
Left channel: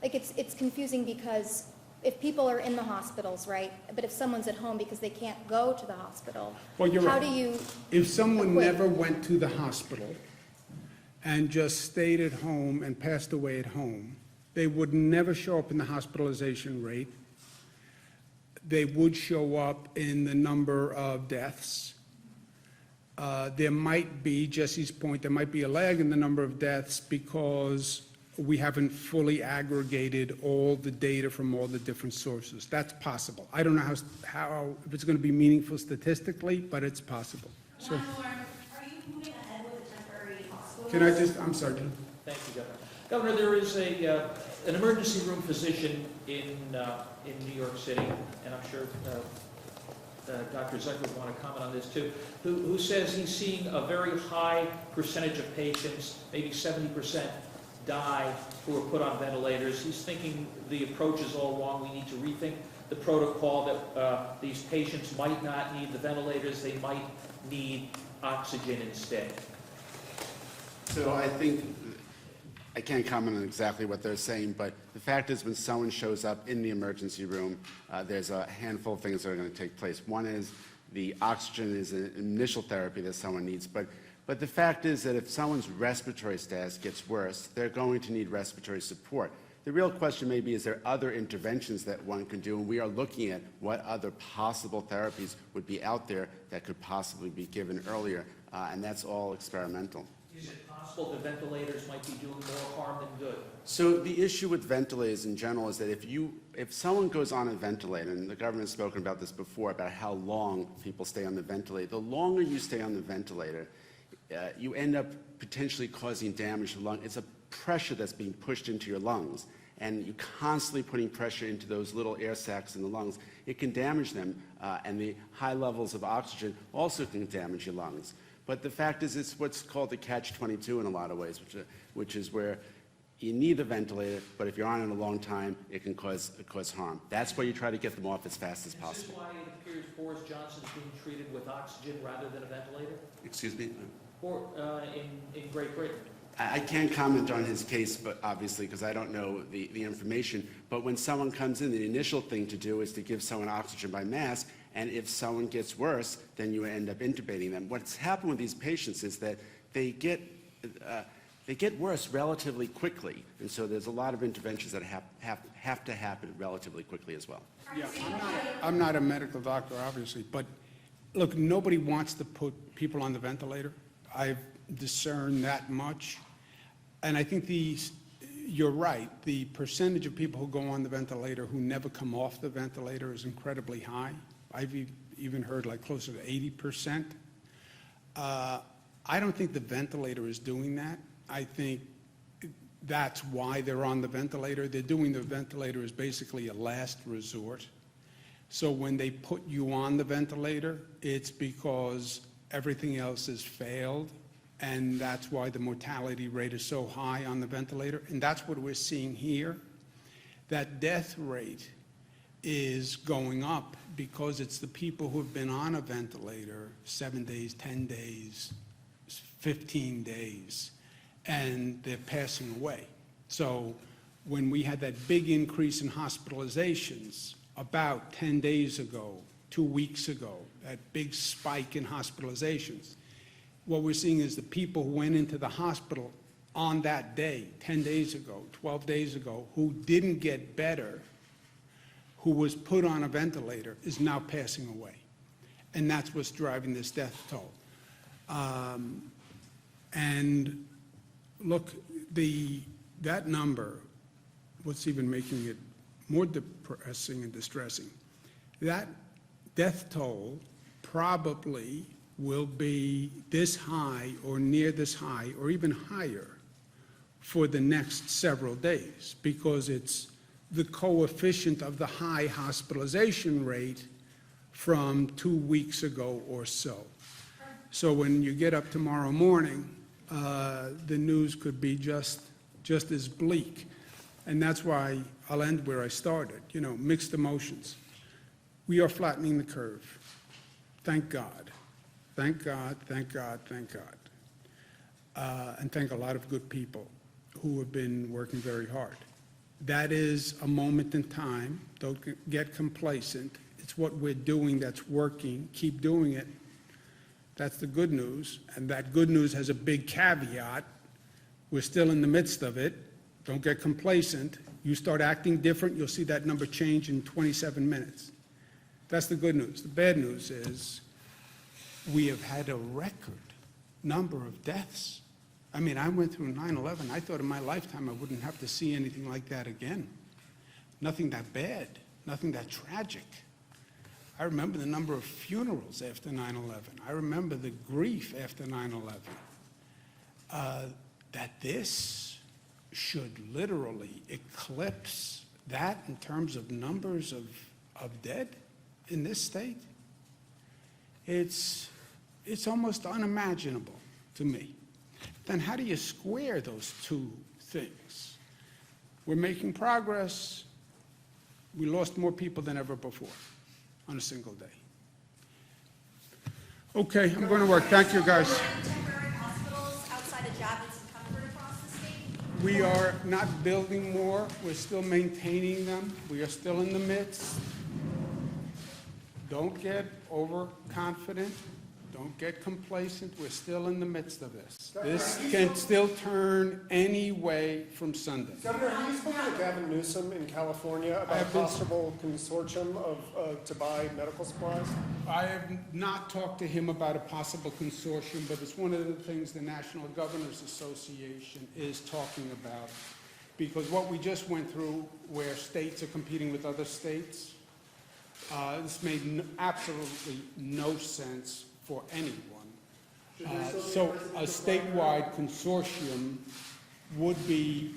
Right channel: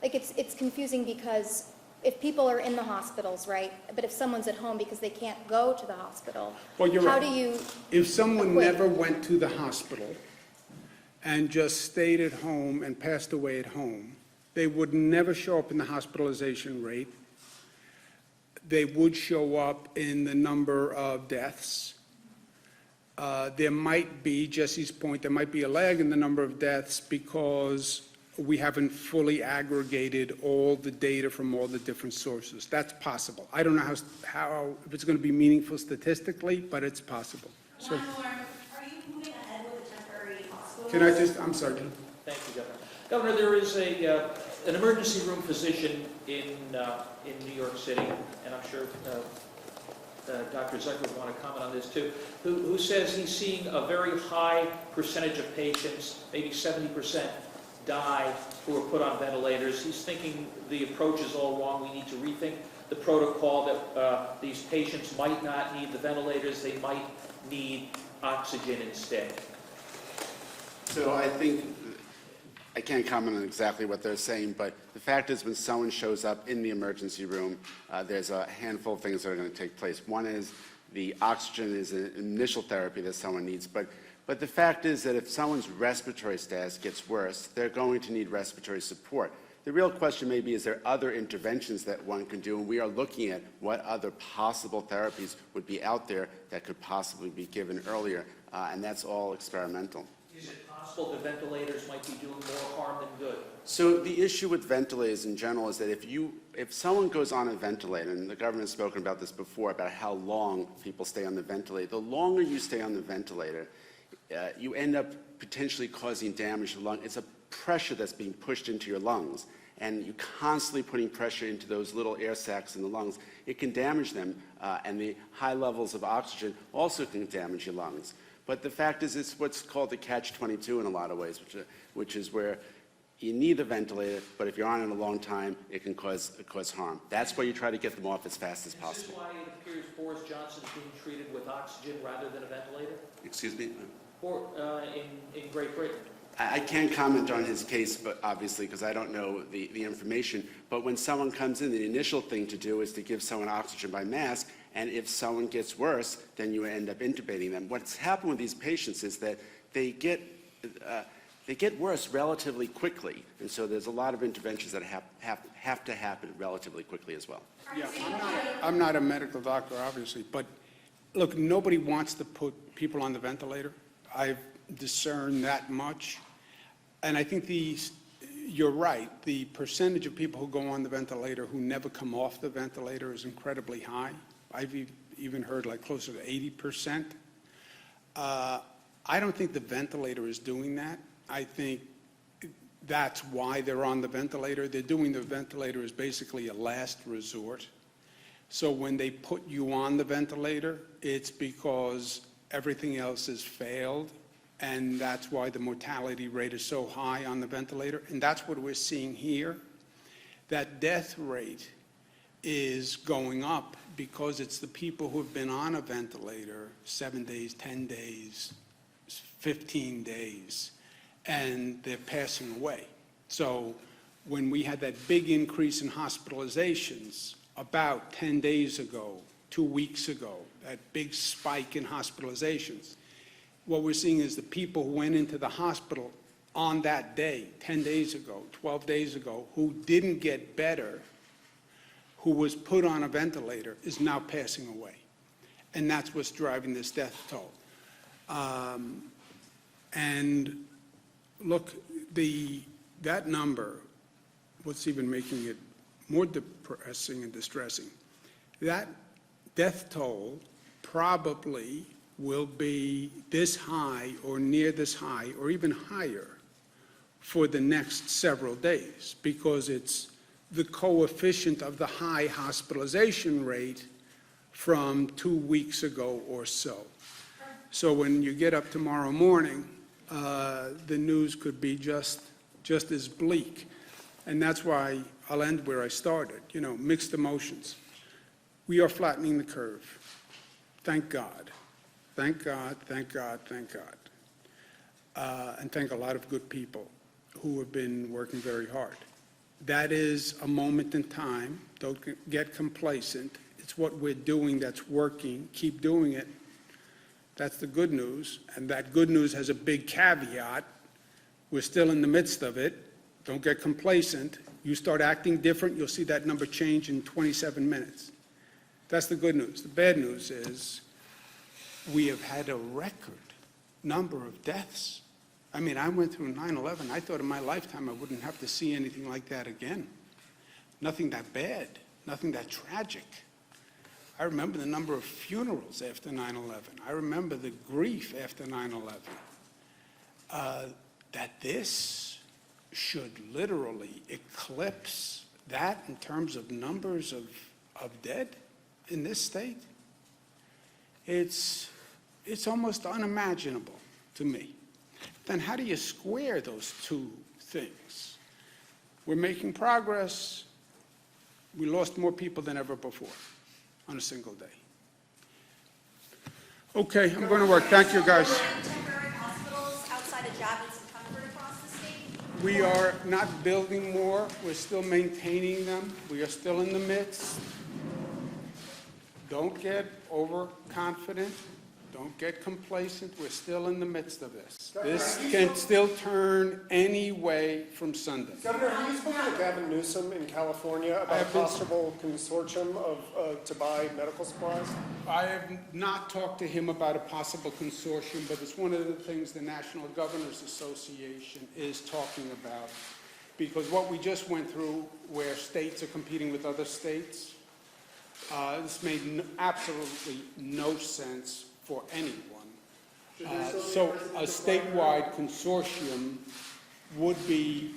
like it's confusing because if people are in the hospitals, right, but if someone's at home because they can't go to the hospital, Well, you're how right. do you? If someone equate- never went to the hospital and just stayed at home and passed away at home, they would never show up in the hospitalization rate. They would show up in the number of deaths. There might be, Jesse's point, there might be a lag in the number of deaths because we haven't fully aggregated all the data from all the different sources. That's possible. I don't know how if it's going to be meaningful statistically, but it's possible. So, One more, are you moving ahead with a temporary hospital? can I just, I'm sorry, Jim. Thank you, Governor. Governor, there is an emergency room physician in New York City, and I'm sure Dr. Zucker would want to comment on this too, who says he's seeing a very high percentage of patients, maybe 70%, die who are put on ventilators. He's thinking the approach is all wrong. We need to rethink the protocol, that these patients might not need the ventilators. They might need oxygen instead. So I think, I can't comment on exactly what they're saying, but the fact is when someone shows up in the emergency room, there's a handful of things that are going to take place. One is the oxygen is an initial therapy that someone needs, but the fact is that if someone's respiratory status gets worse, they're going to need respiratory support. The real question may be, is there other interventions that one can do? And we are looking at what other possible therapies would be out there that could possibly be given earlier, and that's all experimental. Is it possible that ventilators might be doing more harm than good? So the issue with ventilators in general is that if someone goes on a ventilator, and the government has spoken about this before, about how long people stay on the ventilator, the longer you stay on the ventilator, you end up potentially causing damage to the lung. It's a pressure that's being pushed into your lungs, and you're constantly putting pressure into those little air sacs in the lungs. It can damage them, and the high levels of oxygen also can damage your lungs. But the fact is, it's what's called the catch-22 in a lot of ways, which is where you need a ventilator, but if you're on it a long time, it can cause harm. That's why you try to get them off as fast as possible. Is this why it appears Boris Johnson is being treated with oxygen rather than a ventilator? Excuse me? Or in Great Britain? I can't comment on his case, but obviously, because I don't know the information. But when someone comes in, the initial thing to do is to give someone oxygen by mask, and if someone gets worse, then you end up intubating them. What's happened with these patients is that they get worse relatively quickly, and so there's a lot of interventions that have to happen relatively quickly as well. Yeah, I'm not a medical doctor, obviously, but look, nobody wants to put people on the ventilator. I've discerned that much. And I think you're right, the percentage of people who go on the ventilator who never come off the ventilator is incredibly high. I've even heard like closer to 80%. I don't think the ventilator is doing that. I think that's why they're on the ventilator. They're doing the ventilator as basically a last resort. So when they put you on the ventilator, it's because everything else has failed, and that's why the mortality rate is so high on the ventilator. And that's what we're seeing here. That death rate is going up because it's the people who have been on a ventilator 7 days, 10 days, 15 days, and they're passing away. So when we had that big increase in hospitalizations about 10 days ago, 2 weeks ago, that big spike in hospitalizations, what we're seeing is the people who went into the hospital on that day, 10 days ago, 12 days ago, who didn't get better, who was put on a ventilator, is now passing away. And that's what's driving this death toll. And look, that number, what's even making it more depressing and distressing, that death toll probably will be this high or near this high or even higher for the next several days, because it's the coefficient of the high hospitalization rate from 2 weeks ago or so. So when you get up tomorrow morning, the news could be just as bleak. And that's why I'll end where I started, mixed emotions. We are flattening the curve. Thank God. Thank God, thank God, thank God. And thank a lot of good people who have been working very hard. That is a moment in time. Don't get complacent. It's what we're doing that's working. Keep doing it. That's the good news. And that good news has a big caveat. We're still in the midst of it. Don't get complacent. You start acting different, you'll see that number change in 27 minutes. That's the good news. The bad news is we have had a record number of deaths. I mean, I went through 9/11. I thought in my lifetime I wouldn't have to see anything like that again. Nothing that bad, nothing that tragic. I remember the number of funerals after 9/11. I remember the grief after 9/11. That this should literally eclipse that in terms of numbers of dead in this state, it's almost unimaginable to me. Then how do you square those two things? We're making progress. We lost more people than ever before on a single day. Okay, I'm going to work. Thank you, guys. Temporary hospitals outside of Javits and Comfort across the state? We are not building more. We're still maintaining them. We are still in the midst. Don't get overconfident. Don't get complacent. We're still in the midst of this. This can still turn any way from Sunday. Governor, have you spoken to Gavin Newsom in California about a possible consortium to buy medical supplies? I have not talked to him about a possible consortium, but it's one of the things the National Governors Association is talking about. Because what we just went through, where states are competing with other states, this made absolutely no sense for anyone. So a statewide consortium would be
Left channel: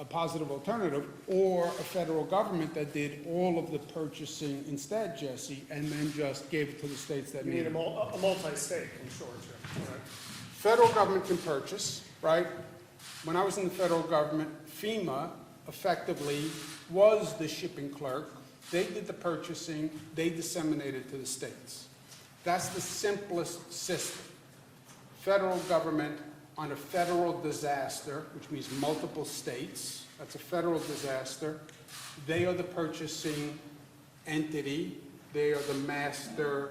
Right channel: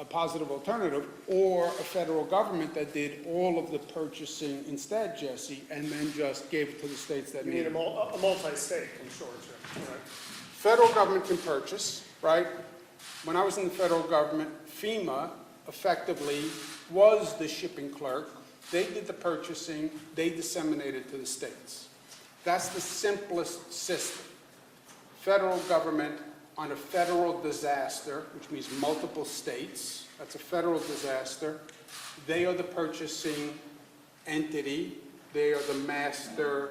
a positive alternative, or a federal government that did all of the purchasing instead, Jesse, and then just gave it to the states that You need need it. a multi-state consortium, right? Federal government can purchase, right? When I was in the federal government, FEMA effectively was the shipping clerk. They did the purchasing, they disseminated to the states. That's the simplest system. Federal government on a federal disaster, which means multiple states, that's a federal disaster. They are the purchasing entity. They are the master